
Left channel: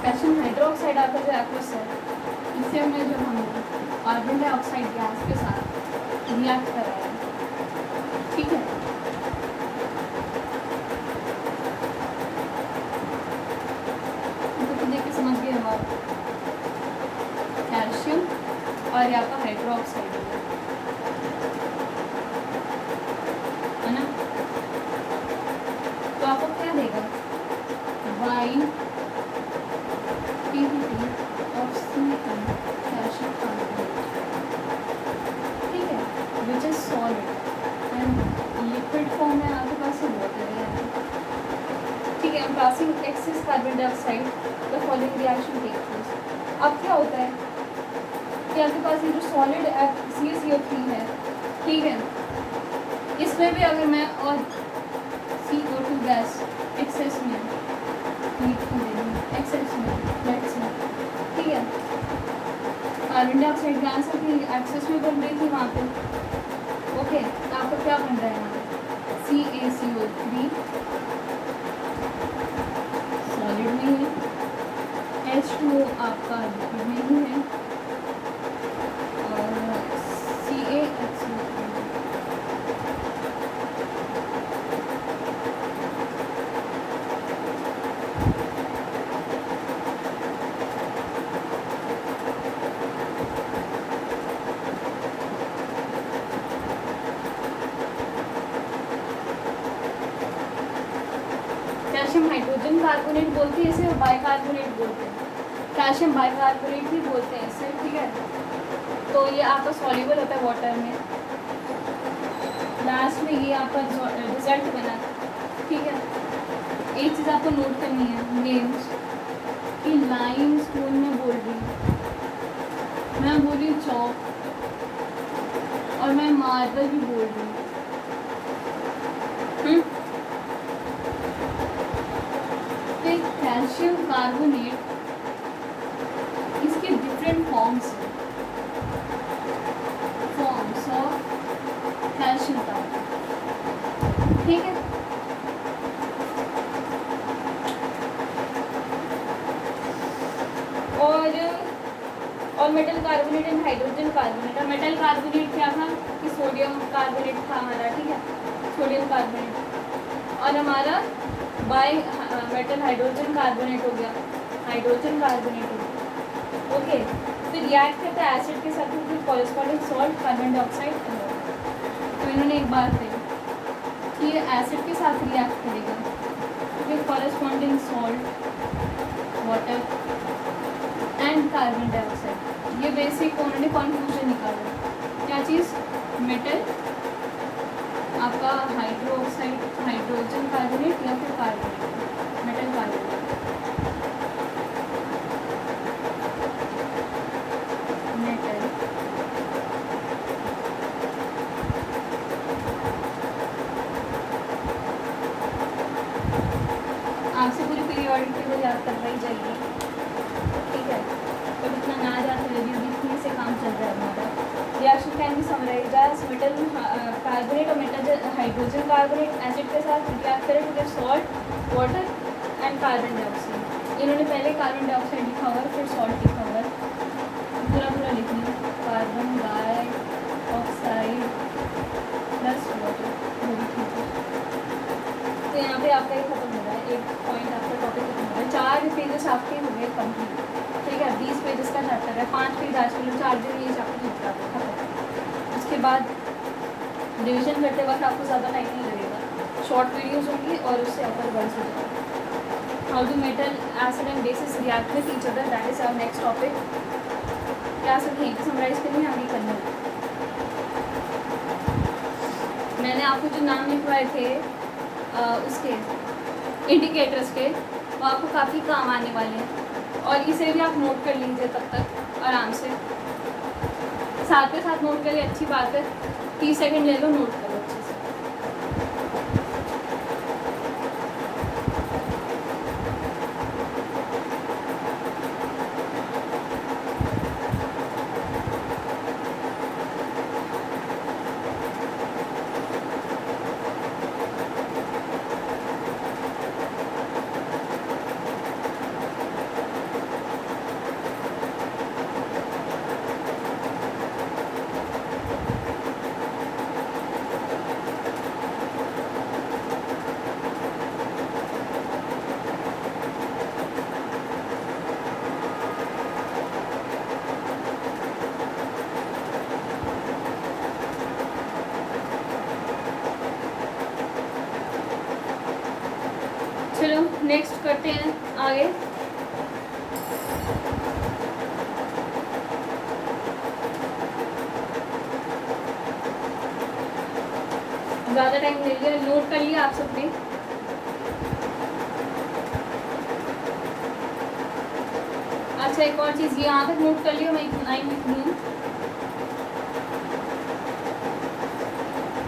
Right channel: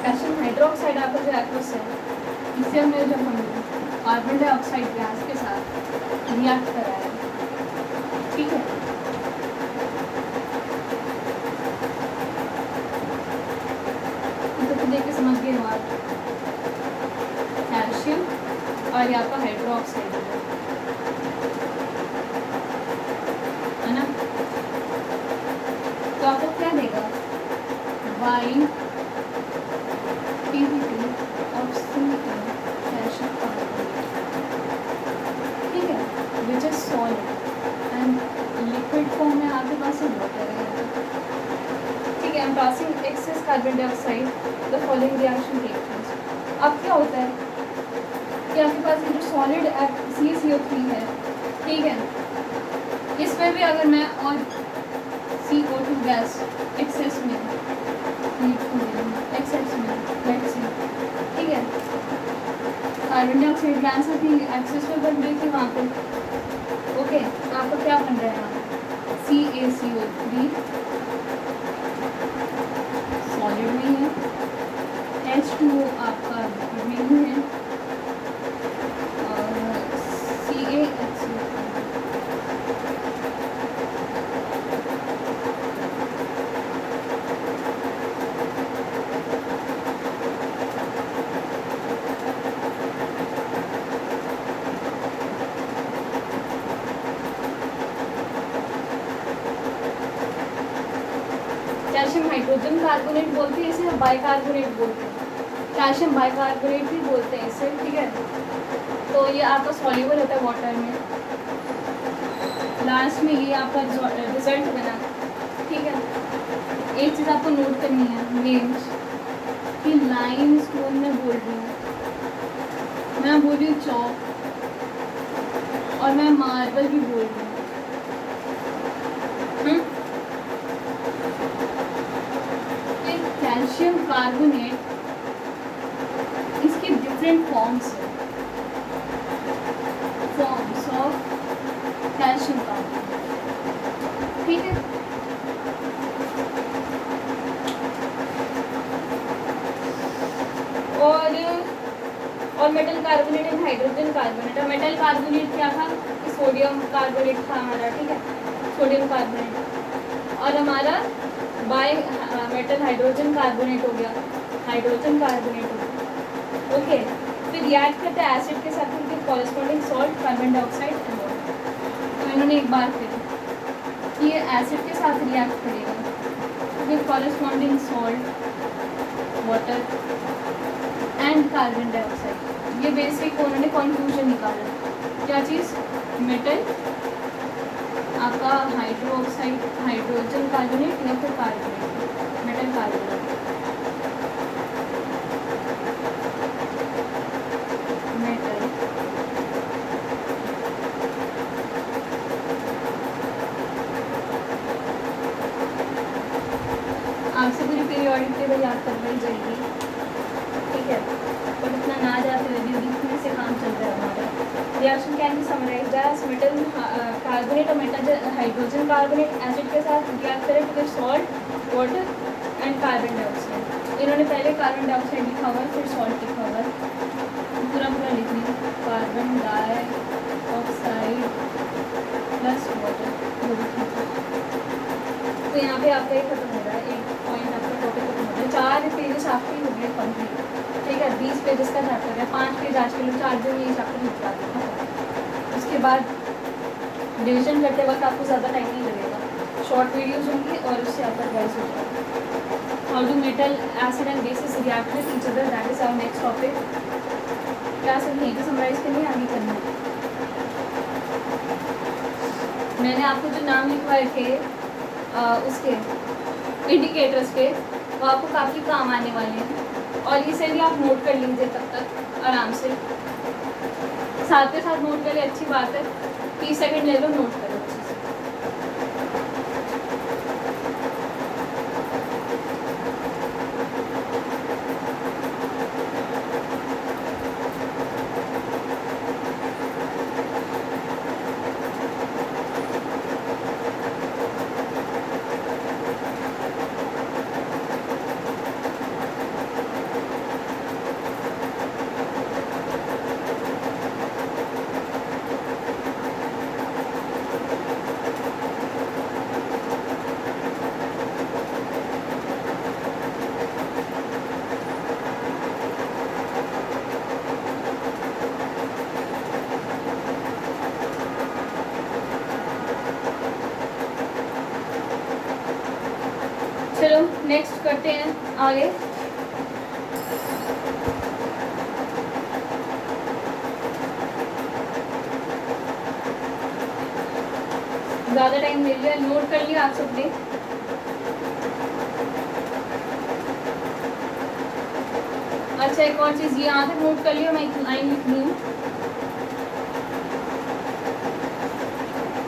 कैल्शियम हाइड्रोक्साइड आपका जो एक्वस है, इससे हमने जब हमने कार्बन डाइऑक्साइड गैस के साथ रिएक्ट कराया, ठीक है। देखिए समझ गए हमारा कैल्शियम और यहाँ पर हाइड्रोक्साइड है ना, तो आपको क्या देगा, वाई ऑफ कैल्शियम कार्बोनेट, ठीक है, which is solid and liquid form में आपके पास वाटर है, ठीक है। And passing excess carbon dioxide the following reaction take place. अब क्या होता है कि आपके पास ये जो सॉलिड CaCO3 है, ठीक है, इसमें भी अगर मैं और CO2 गैस एक्सेस में एक्सेस में लेट्स से, ठीक है, कार्बन डाइऑक्साइड गैस अपनी एक्सेस में बन रही थी वहाँ पे, ओके। तो आपको क्या बन रहा है, CaCO3 सॉलिड में है, H2O आपका ग्रीन है और CaHCl कैल्शियम हाइड्रोजन कार्बोनेट बोलते हैं इसे, बाइकार्बोनेट बोलते हैं, कैल्शियम बाइकार्बोनेट भी बोलते हैं इसे, ठीक है। तो ये आपका सॉल्युबल होता है वाटर में। लास्ट में ये आपका रिजल्ट बना, ठीक है। एक चीज़ आपको नोट करनी है नेम्स कि लाइम स्पून में बोल रही हूँ, मैं बोल रही हूँ चौक, और मैं मार्बल भी बोल रही हूँ। कैल्शियम कार्बोनेट इसके डिफरेंट फॉर्म्स हैं, फॉर्म्स ऑफ कैल्शियम कार्बोनेट, ठीक है। और metal carbonate and hydrogen carbonate. और मेटल कार्बोनेट क्या था कि सोडियम कार्बोनेट था हमारा, ठीक है, सोडियम कार्बोनेट। और हमारा बाय मेटल हाइड्रोजन कार्बोनेट हो गया, हाइड्रोजन कार्बोनेट हो गया, ओके। फिर रिएक्ट करता है एसिड के साथ उनके कॉरेस्पॉन्डिंग सॉल्ट कार्बन डाइऑक्साइड। तो इन्होंने एक बात कही कि ये एसिड के साथ रिएक्ट करेगा, फिर corresponding salt, water and carbon dioxide. ये बेसिक उन्होंने कॉन्क्लूजन निकाला। क्या चीज़? मेटल आपका हाइड्रोक्साइड, हाइड्रोजन कार्बोनेट या फिर कार्बोनेट, मेटल कार्बोनेट, मेटल आपसे पूरी पीरियोडिक टेबल याद करवाई जाएगी, ठीक है। और इतना ना जाते हुए लिखने से काम चल रहा है हमारा। Reaction can be summarised as metal carbonate और मेटल हाइड्रोजन कार्बोनेट एसिड के साथ रिएक्ट करें with salt, water and carbon dioxide. इन्होंने पहले कार्बन डाइऑक्साइड लिखा हुआ है, फिर सॉल्ट लिखा हुआ है, पूरा पूरा लिखना, कार्बन डाइऑक्साइड प्लस वाटर, वो भी ठीक है। तो यहाँ पे आपका ये खत्म हो रहा है, एक पॉइंट आपका टॉपिक खत्म हो रहा है। 4 पेजेस आपके हो गए कंप्लीट, ठीक है। 20 पेजेस का चैप्टर है, 5 पेज आज के लिए 4 दिन ये चैप्टर निपटा देते हैं। उसके बाद डिवीजन करते वक्त आपको ज़्यादा टाइम नहीं लगेगा, शॉर्ट वीडियोज़ होंगी और उससे आपका रिवाइज हो जाएगा। How do metal acid and bases react with each other, that is our next topic. क्या सब यहीं पर समराइज करनी है, आगे करना है। मैंने आपको जो नाम लिखवाए थे उसके इंडिकेटर्स के, वो आपको काफ़ी काम आने वाले हैं, और इसे भी आप नोट कर लीजिए तब तक आराम से। साथ के साथ नोट करिए, अच्छी बात है, 30 सेकंड ले लो, नोट करो अच्छे से। चलो नेक्स्ट करते हैं आगे। ज़्यादा टाइम ले लिया, नोट कर लिया आप सबने। अच्छा एक और चीज़, ये यहाँ तक नोट कर लिया, मैं एक लाइन लिख रही हूँ।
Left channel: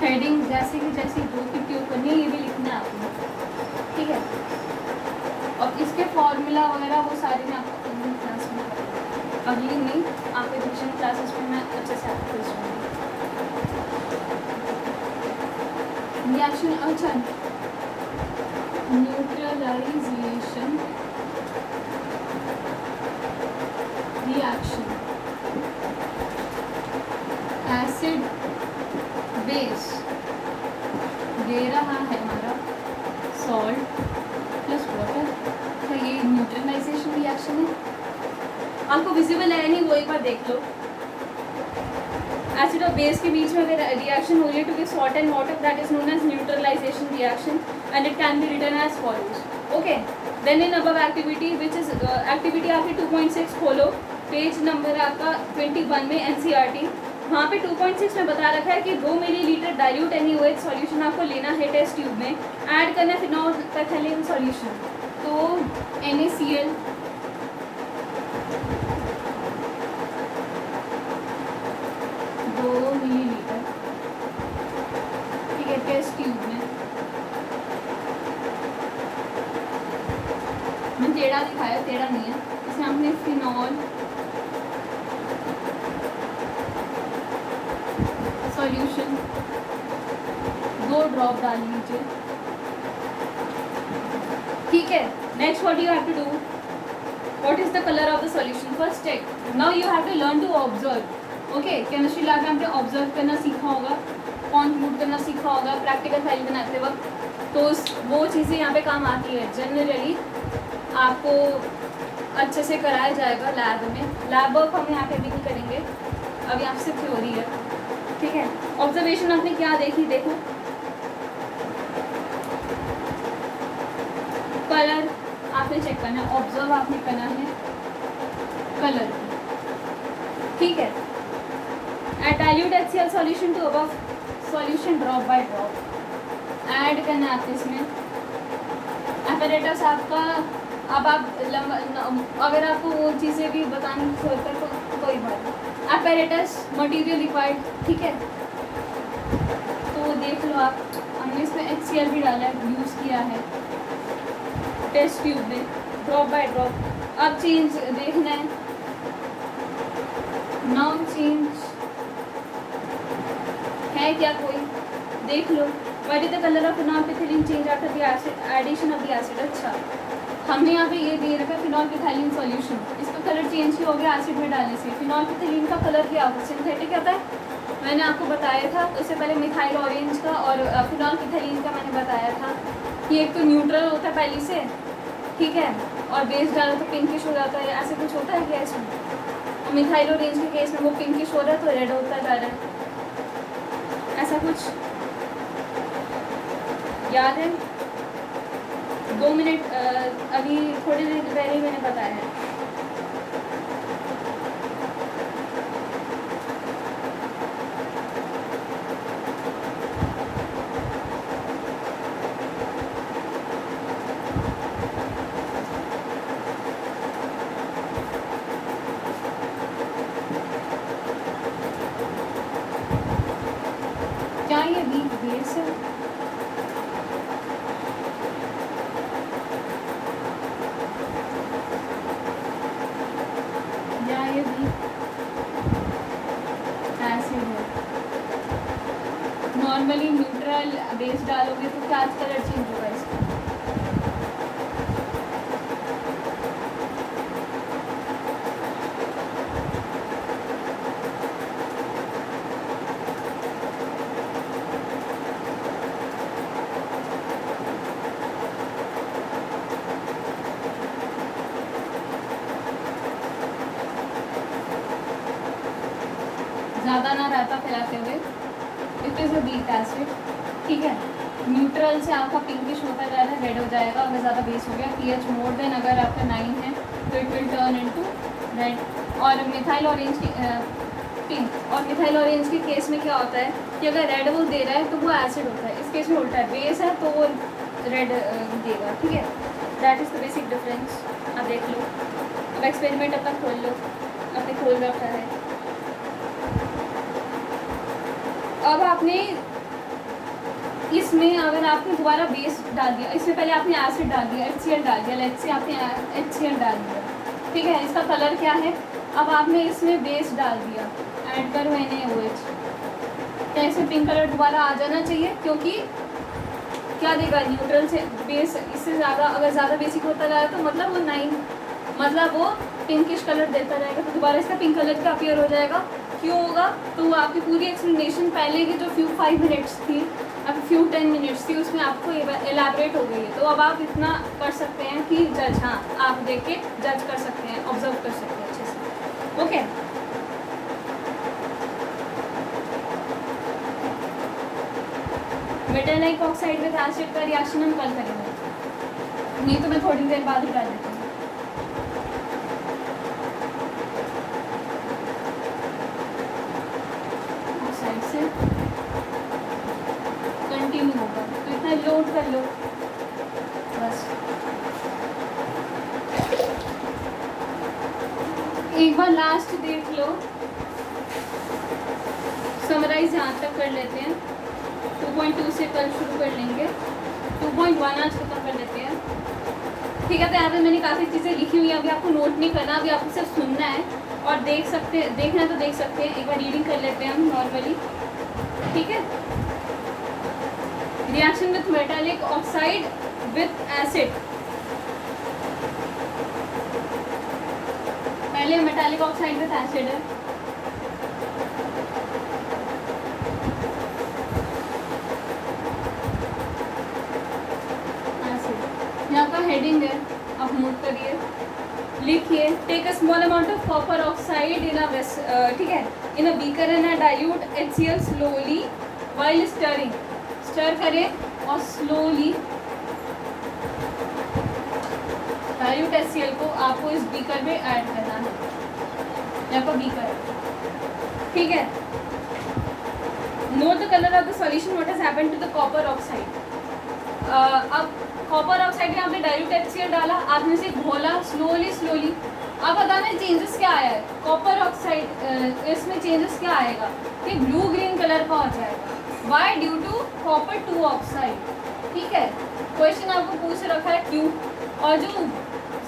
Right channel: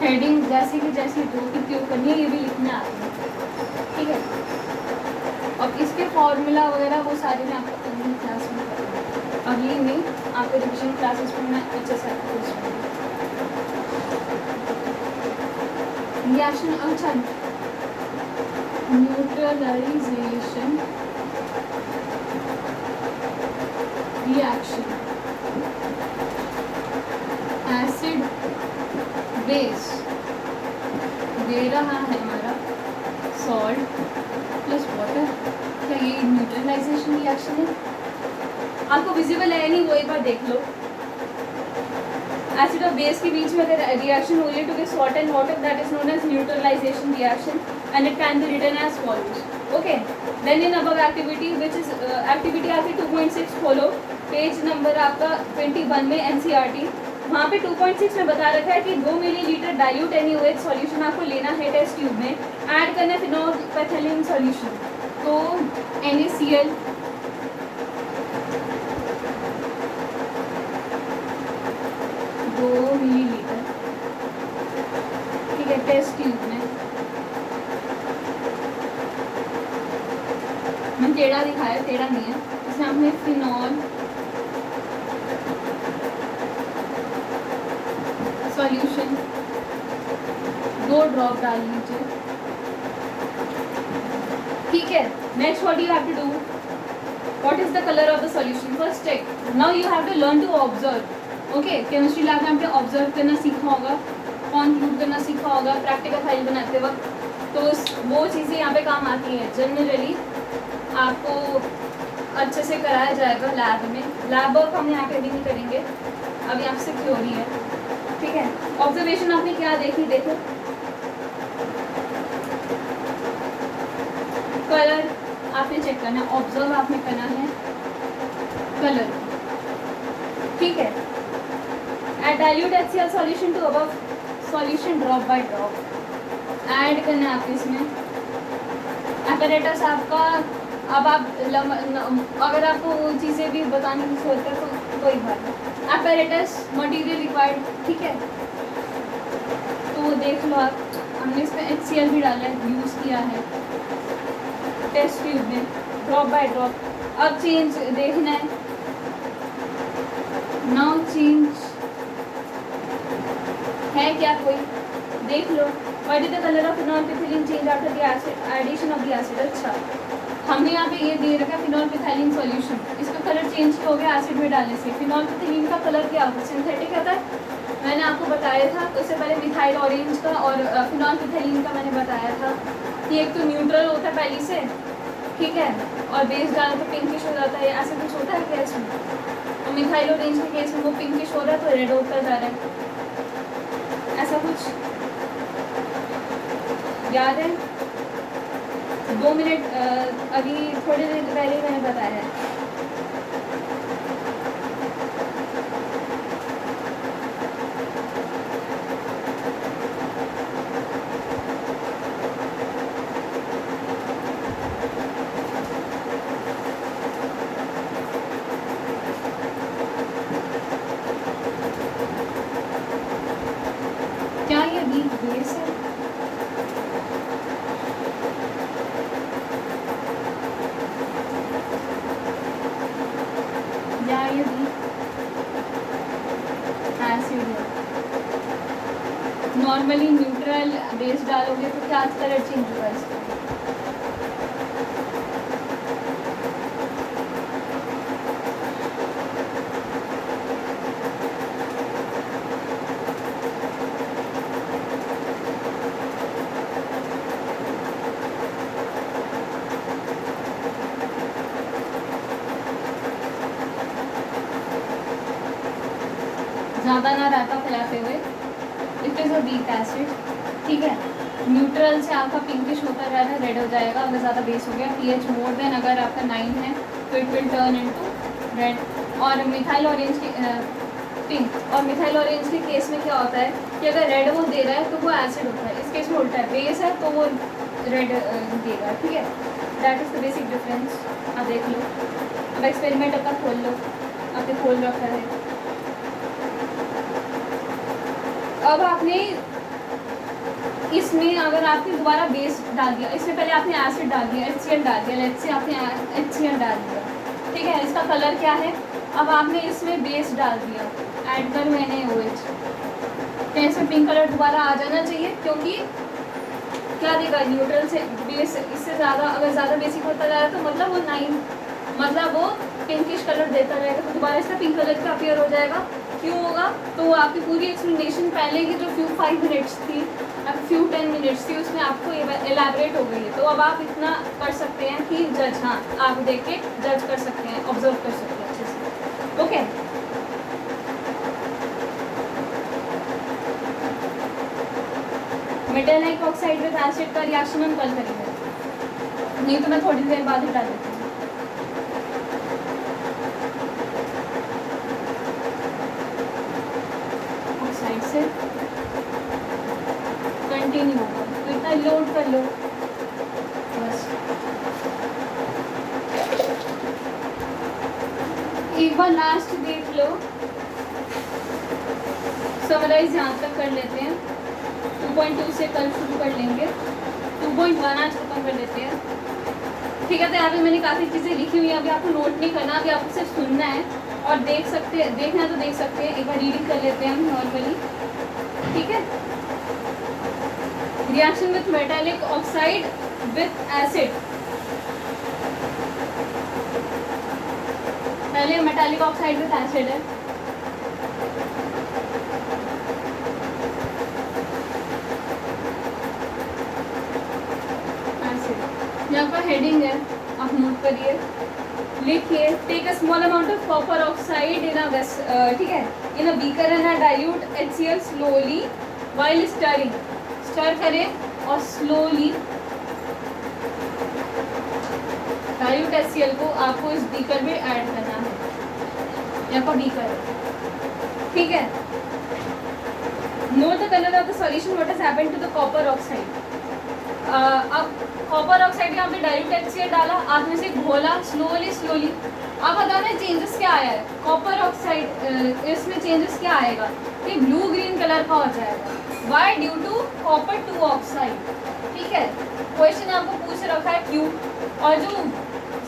हेडिंग जैसी की जैसी दो की क्यों करनी है, ये भी लिखना आपको, ठीक है। और इसके फॉर्मूला वगैरह वो सारे मैं आपको अगली क्लास में करूँगी, अगली में आपके रिविजन क्लासेस में मैं अच्छे से आपको रिएक्शन, अच्छा न्यूट्रलाइजेशन रिएक्शन, एसिड बेस, ये रहा है हमारा सॉल्ट प्लस वाटर, तो ये न्यूट्रलाइजेशन रिएक्शन है। आपको विजिबल है नहीं, वो एक बार देख लो। एसिड और बेस के बीच में अगर रिएक्शन हो रही है to get salt and water, that is known as neutralisation reaction and it can be written as follows. Okay, then in above activity which is activity आपकी 2.6 खोलो, पेज नंबर आपका 21 में एनसीईआरटी। वहाँ पे 2.6 में बता रखा है कि 2 मिलीलीटर डाइल्यूट NaOH सॉल्यूशन आपको लेना है टेस्ट ट्यूब में, ऐड करना है फिनॉल पैथिलीन सॉल्यूशन, तो NaCl 2 मिलीलीटर, ठीक है, टेस्ट ट्यूब में। मैंने टेढ़ा दिखाया, टेढ़ा नहीं है, इसमें हमने फिनॉल सॉल्यूशन 2 ड्रॉप डाल लीजिए, ठीक है। Next what you have to do, what is the colour of the solution, first check. Now you have to learn to observe. Okay, chemistry lab में आपने ऑब्जर्व करना सीखा होगा, कॉन्क्लूड करना सीखा होगा प्रैक्टिकल फाइल बनाते वक्त, तो वो चीज़ें यहाँ पे काम आती है। जनरली आपको अच्छे से कराया जाएगा लैब में, लैब वर्क हम यहाँ पे भी नहीं करेंगे, अभी आपसे थ्योरी है, ठीक है। ऑब्जर्वेशन आपने क्या देखी, देखो कलर आपने चेक करना है, ऑब्जर्व आपने करना है कलर, ठीक है। Add dilute HCl solution to above solution drop by drop, add करना है आपको इसमें। एपरेटस आपका, अब आप अगर आपको वो चीज़ें भी बताने की जरूरत है तो कोई बात नहीं। एपरेटस मटेरियल रिक्वायर्ड, ठीक है, तो देख लो आप, हमने इसमें HCl भी डाला है, यूज़ किया है टेस्ट ट्यूब में ड्रॉप बाय ड्रॉप। अब चेंज देखना है, नाउ चेंज है क्या कोई, देख लो। What is the colour of phenolphthalein change after the acid addition of the acid. अच्छा, हमने यहाँ पे ये दे रखा है फिनॉल पैथिलीन सॉल्यूशन, इसका कलर चेंज हो गया एसिड में डालने से। फिनॉल पैथिलीन का कलर क्या होता है, सिंथेटिक आता है, मैंने आपको बताया था। उससे पहले मिथाइल ऑरेंज का और फिनॉल पैथिलीन का मैंने बताया था कि एक तो न्यूट्रल होता है पहले से, ठीक है, और बेस डालो तो पिंकिश हो जाता है, ऐसे कुछ होता है क्या इसमें। और मिथाइल ऑरेंज के केस में वो पिंकिश हो रहा है तो रेड होता जा रहा है, ऐसा कुछ याद है। 2 मिनट अभी थोड़ी देर पहले मैंने बताया है। क्या ये बीच बेस है, या ये भी एसिड है। नॉर्मली न्यूट्रल बेस डालोगे तो क्या कलर चेंज होगा इसका, ज़्यादा ना रहता फैलाते हुए। It is a weak acid, ठीक है। न्यूट्रल से आपका पिंकिश होता जा रहा है, रेड हो जाएगा अगर ज़्यादा बेस हो गया। pH मोर देन अगर आपका 9 है तो it will turn into red. और मिथाइल ऑरेंज की पिंक, और मिथाइल ऑरेंज के केस में क्या होता है कि अगर रेड वो दे रहा है तो वो एसिड होता है, इस केस में उल्टा है, बेस है तो वो रेड देगा, ठीक है। That is the basic difference. आप देख लो, अब एक्सपेरिमेंट अपना खोल लो, आपने खोल रखा है। अब आपने इसमें अगर आपने दोबारा बेस डाल दिया, इसमें पहले आपने एसिड डाल दिया, HCl डाल दिया, लेट्स से आपने HCl डाल दिया, ठीक है। इसका कलर क्या है, अब आपने इसमें बेस डाल दिया, ऐड करो NaOH, तो ऐसे पिंक कलर दोबारा आ जाना चाहिए क्योंकि क्या देगा, न्यूट्रल से बेस, इससे ज़्यादा अगर ज़्यादा बेसिक होता जाएगा तो मतलब वो 9, मतलब वो पिंकिश कलर देता रहेगा, तो दोबारा इसका पिंक कलर का अपीयर हो जाएगा। क्यों होगा, तो वो आपकी पूरी एक्सप्लेनेशन पहले की जो few 5 मिनट्स थी, अब few 10 मिनट्स थी, उसमें आपको एलैबोरेट हो गई है। तो अब आप इतना कर सकते हैं कि जज, हाँ आप देख के जज कर सकते हैं, ऑब्जर्व कर सकते हैं अच्छे से। Okay, metallic oxide with acid का रिएक्शन हम कल करेंगे, नहीं तो मैं थोड़ी देर बाद उठा देती हूँ। ऑक्साइड से कंटिन्यू होगा, तो इतना लोड कर लो बस। एक बार लास्ट देख लो, समराइज यहाँ तक कर लेते हैं। 2.2 से कल शुरू कर लेंगे, 2.1 आज खत्म कर लेते हैं। ठीक है, तो यहाँ पे मैंने काफ़ी चीज़ें लिखी हुई हैं, अभी आपको नोट नहीं करना, अभी आपको सिर्फ सुनना है और देखना है तो देख सकते हैं। एक बार रीडिंग कर लेते हैं हम नॉर्मली, ठीक है। Reaction with metallic oxide with acid, पहले मेटालिक ऑक्साइड विथ एसिड है, यहाँ पर हेडिंग है, आप मूव करिए, लिखिए take a small amount of copper oxide in a ठीक है, in a beaker and dilute HCl slowly while stirring, stir करें और स्लोली डाइल्यूट HCl को आपको इस बीकर में ऐड करना है, यहाँ पर बीकर, ठीक है। Note the colour of the solution, what has happened to the copper oxide. अब कॉपर ऑक्साइड यहाँ पे डाइल्यूट HCl डाला, आपने से घोला स्लोली, अब बताना चेंजेस क्या आया है। कॉपर ऑक्साइड इसमें चेंजेस क्या आएगा, ये ब्लू ग्रीन कलर का हो जाएगा, why due to copper 2 oxide, ठीक है। क्वेश्चन आपको पूछ रखा है क्यों, और जो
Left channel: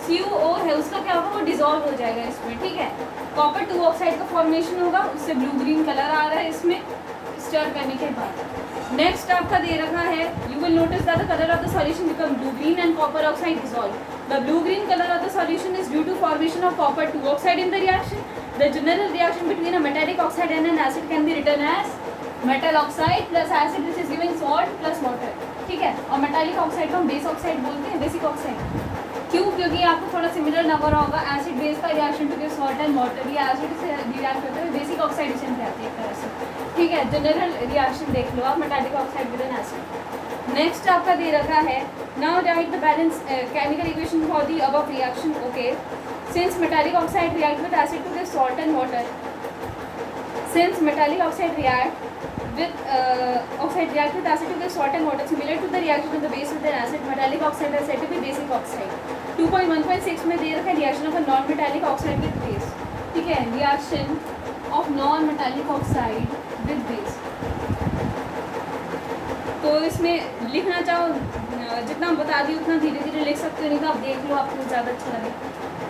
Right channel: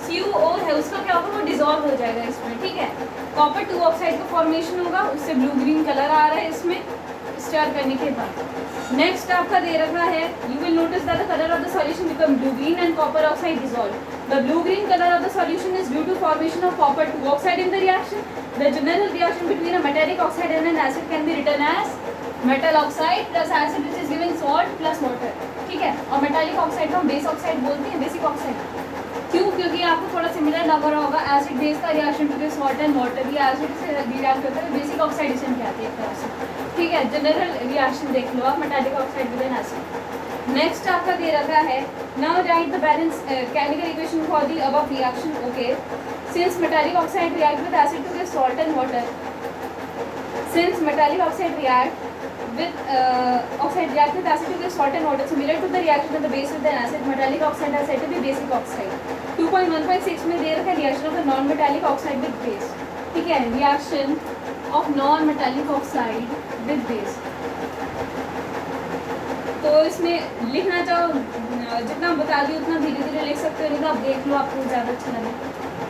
CuO है उसका क्या होगा, वो डिजॉल्व हो जाएगा इसमें, ठीक है। कॉपर 2 ऑक्साइड का फॉर्मेशन होगा, उससे ब्लू ग्रीन कलर आ रहा है इसमें स्टर करने के बाद। नेक्स्ट आपका दे रखा है, you will notice that the colour of the solution become blue green and copper oxide dissolve. The blue green colour of the solution is due to formation of copper 2 oxide in the reaction. The general reaction between a metallic oxide and an acid can be written as metal oxide plus acid which is given salt plus water, ठीक है। और metallic oxide को हम base oxide बोलते हैं, basic oxide. क्यों, क्योंकि आपको थोड़ा सिमिलर लग रहा होगा, एसिड बेस का reaction to salt and water, या एसिड से रिएक्ट होता है, बेसिक ऑक्साइडेशन कहते हैं एक तरह से, ठीक है। जनरल रिएक्शन देख लो आप, metallic oxide with an acid. Next आपका दे रखा है, now write the balance chemical equation for the above reaction. Okay, since metallic oxide react with acid to give salt and water, since metallic oxide react with acid to give salt and water similar to the reaction of the base with the acid, metallic oxide is said to be basic oxide. 2.1.6 में दे रखा है reaction of a non metallic oxide with base, ठीक है। reaction of non metallic oxide with base, तो इसमें लिखना चाहो जितना बता दी उतना धीरे धीरे लिख सकते हो, नहीं तो आप देख लो, आपको ज़्यादा अच्छा लगे,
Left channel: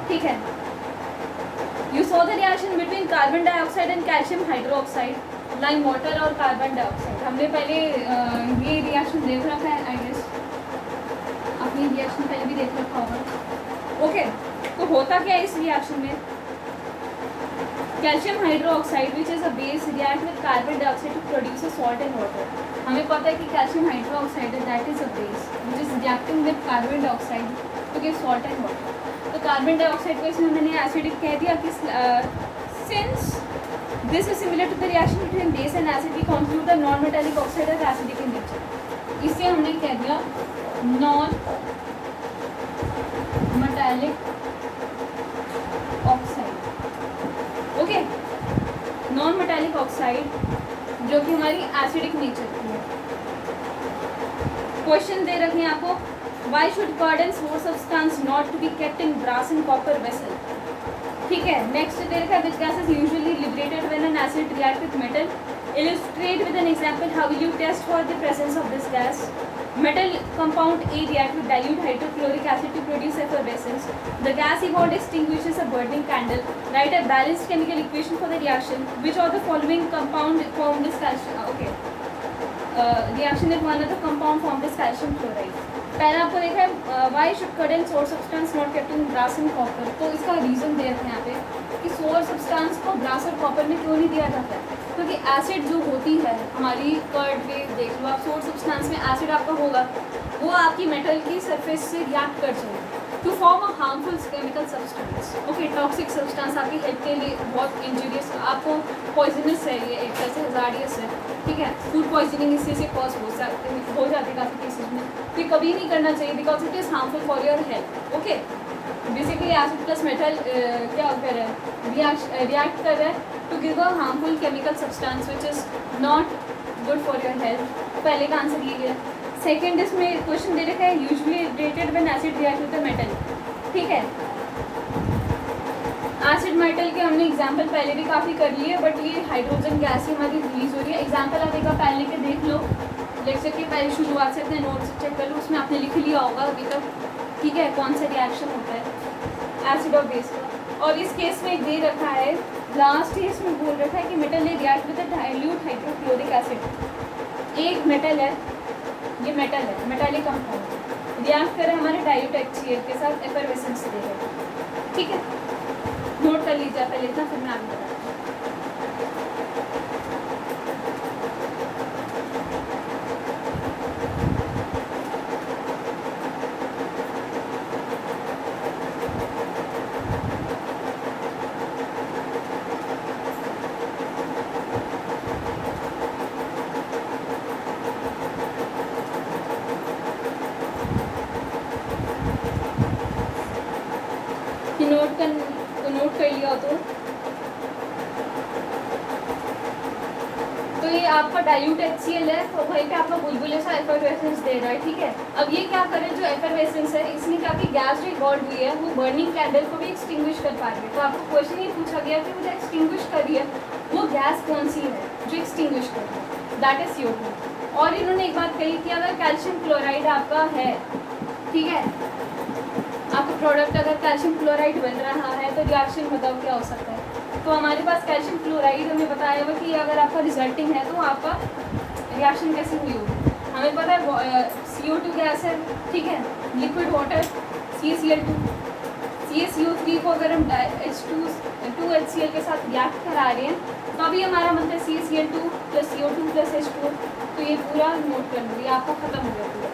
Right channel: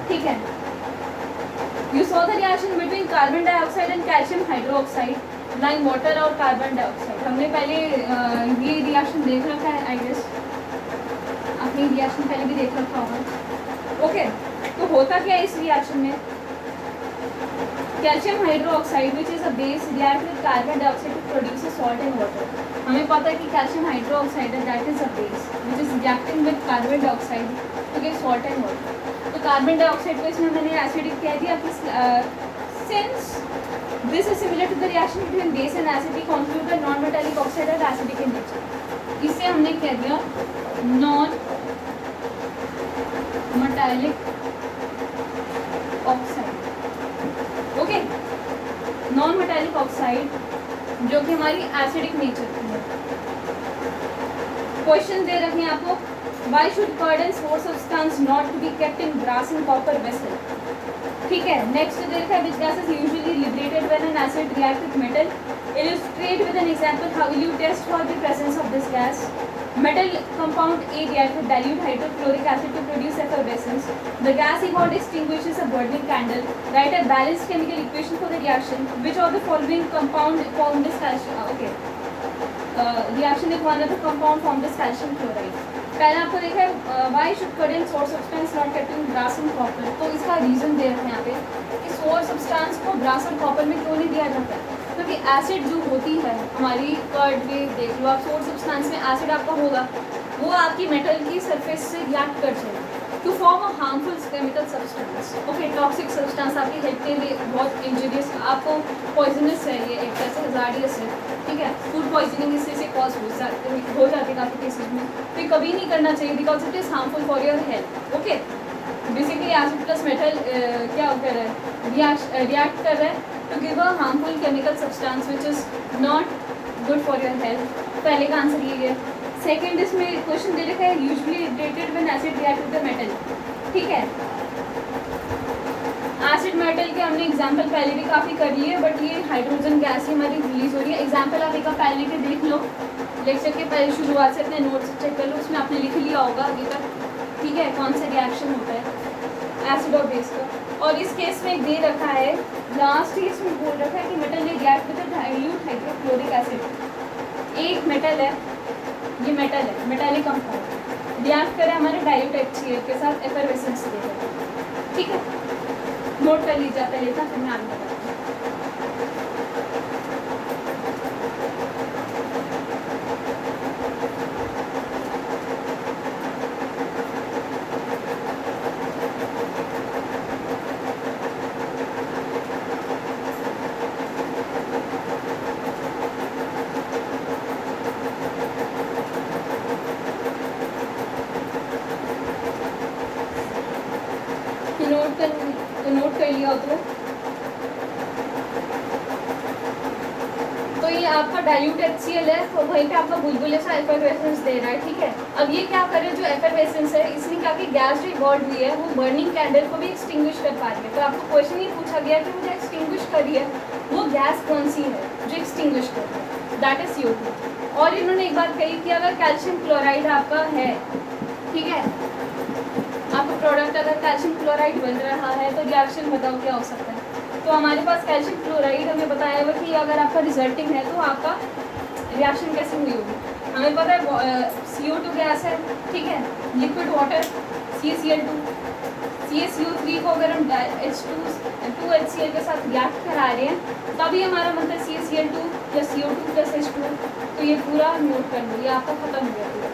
ठीक है। You saw the reaction between carbon dioxide and calcium hydroxide, like water और carbon dioxide। हमने पहले ये रिएक्शन देख रखा है, आई गेस आपने रिएक्शन पहले भी देख रखा होगा। ओके, तो होता क्या है इस रिएक्शन में, calcium hydroxide which is a base react with carbon dioxide to produce salt and water. हमें पता है कि calcium hydroxide that is a base which is reacting with carbon dioxide to give salt and water. तो carbon dioxide को इसमें मैंने acidic कह दिया कि since this is similar to the reaction between base and acid, we conclude the non metallic oxide as acidic in nature. इससे हमने कह दिया non metallic oxide, okay, non metallic oxide जो कि हमारी एसिडिक नेचर की है। क्वेश्चन दे रखे हैं आपको, why should cordons or substance not to be kept in brass and copper vessel, ठीक है। नेक्स्ट दे रखा है, which gas is usually liberated when an acid react with metal, illustrate with an example how will you test for the presence of this gas, Metal compound A react with dilute hydrochloric acid to produce effervescence. The gas he bond extinguishes a burning candle. Write a balanced chemical equation for the reaction. Which of the following compound formed this calcium? Reaction if one of the compound formed this calcium chloride. पहले आपको देखा है why should current source substance not kept in brass and copper. तो इसका reason दे रखा है यहाँ पे कि सोर्स सब्सटेंस को ब्रास और कॉपर में क्यों नहीं दिया जाता, क्योंकि एसिड जो होती है हमारी कर्ड में देख लो आप, सोर्स सब्सटेंस में एसिड आपका होगा, वो आपकी मेटल की सरफेस से रिएक्ट कर जाएगा to form a harmful chemical substance. Okay, toxic substance आपकी हेल्थ के लिए बहुत इंजूरियस, आपको पॉइजनस है, ये एक तरह से हजार्डियस है. ठीक है, फूड पॉइजनिंग इससे से कॉज हो जाती है काफ़ी केसेस में. तो ये कभी नहीं करना चाहिए because it is harmful for your health. Okay, basically acid plus metal क्या कर रहा है, रिएक्ट कर रहा है to give a harmful chemical substance which is not good for your health. पहले का आंसर ये है. सेकेंड इसमें क्वेश्चन दे रखा है usually related when acid react with the metal. ठीक है, एसिड मेटल के हमने एग्जांपल पहले भी काफ़ी कर लिए है, बट ये हाइड्रोजन गैस हमारी रिलीज हो रही है. एग्जांपल आप एक बार पहले के देख लो, लेक्चर के पहले शुरुआत से अपने नोट्स चेक कर लो, उसमें आपने लिख लिया होगा अभी तक. ठीक है, कौन सा रिएक्शन होता है एसिड और बेस का. और इस केस में दे रखा है लास्ट केस में बोल रखा है कि मेटल ने react with dilute hydrochloric acid. एक मेटल है, ये मेटल है, मेटालिक कंपाउंड रिएक्ट करे हमारे डाइल्यूट HCl के साथ एफरवेसेंस दे रहे हैं. ठीक है, नोट कर लीजिए पहले था, फिर मैं आगे बताऊँ. नोट कर लिया तो ये आपका डाइल्यूट HCl है, तो वहीं पे आपका बुलबुले सा एफरवेसेंस दे रहा है. ठीक है, अब ये क्या कर रहे हैं, जो एफरवेसेंस है इसने क्या की गैस जो इवॉल्व हुई है वो बर्निंग कैंडल को भी एक्सटिंग्विश कर पा रही है. तो आपको क्वेश्चन ये पूछा गया कि मुझे एक्सटिंग्विश कर रही है, वो गैस कौन सी है जो एक्सटिंग्विश कर रही है, दैट इज CO2. और इन्होंने एक बात कही कि अगर कैल्शियम क्लोराइड आपका है, ठीक है, आपका प्रोडक्ट अगर कैल्शियम क्लोराइड बन रहा है तो रिएक्शन बताओ क्या हो सकता है. तो हमारे पास कैल्शियम क्लोराइड हमें बताया हुआ कि अगर आपका रिजल्टिंग है तो आपका रिएक्शन कैसे हुई होगी. हमें पता है CO2 गैस है, ठीक है, लिक्विड वाटर CaCl2, CaCO3 को अगर हम H2HCl के साथ रिएक्ट करा रहे हैं तभी हमारा मतलब CaCl2 + CO2 + H2. तो ये पूरा नोट कर लीजिए, आपका खत्म हो गया पूरा.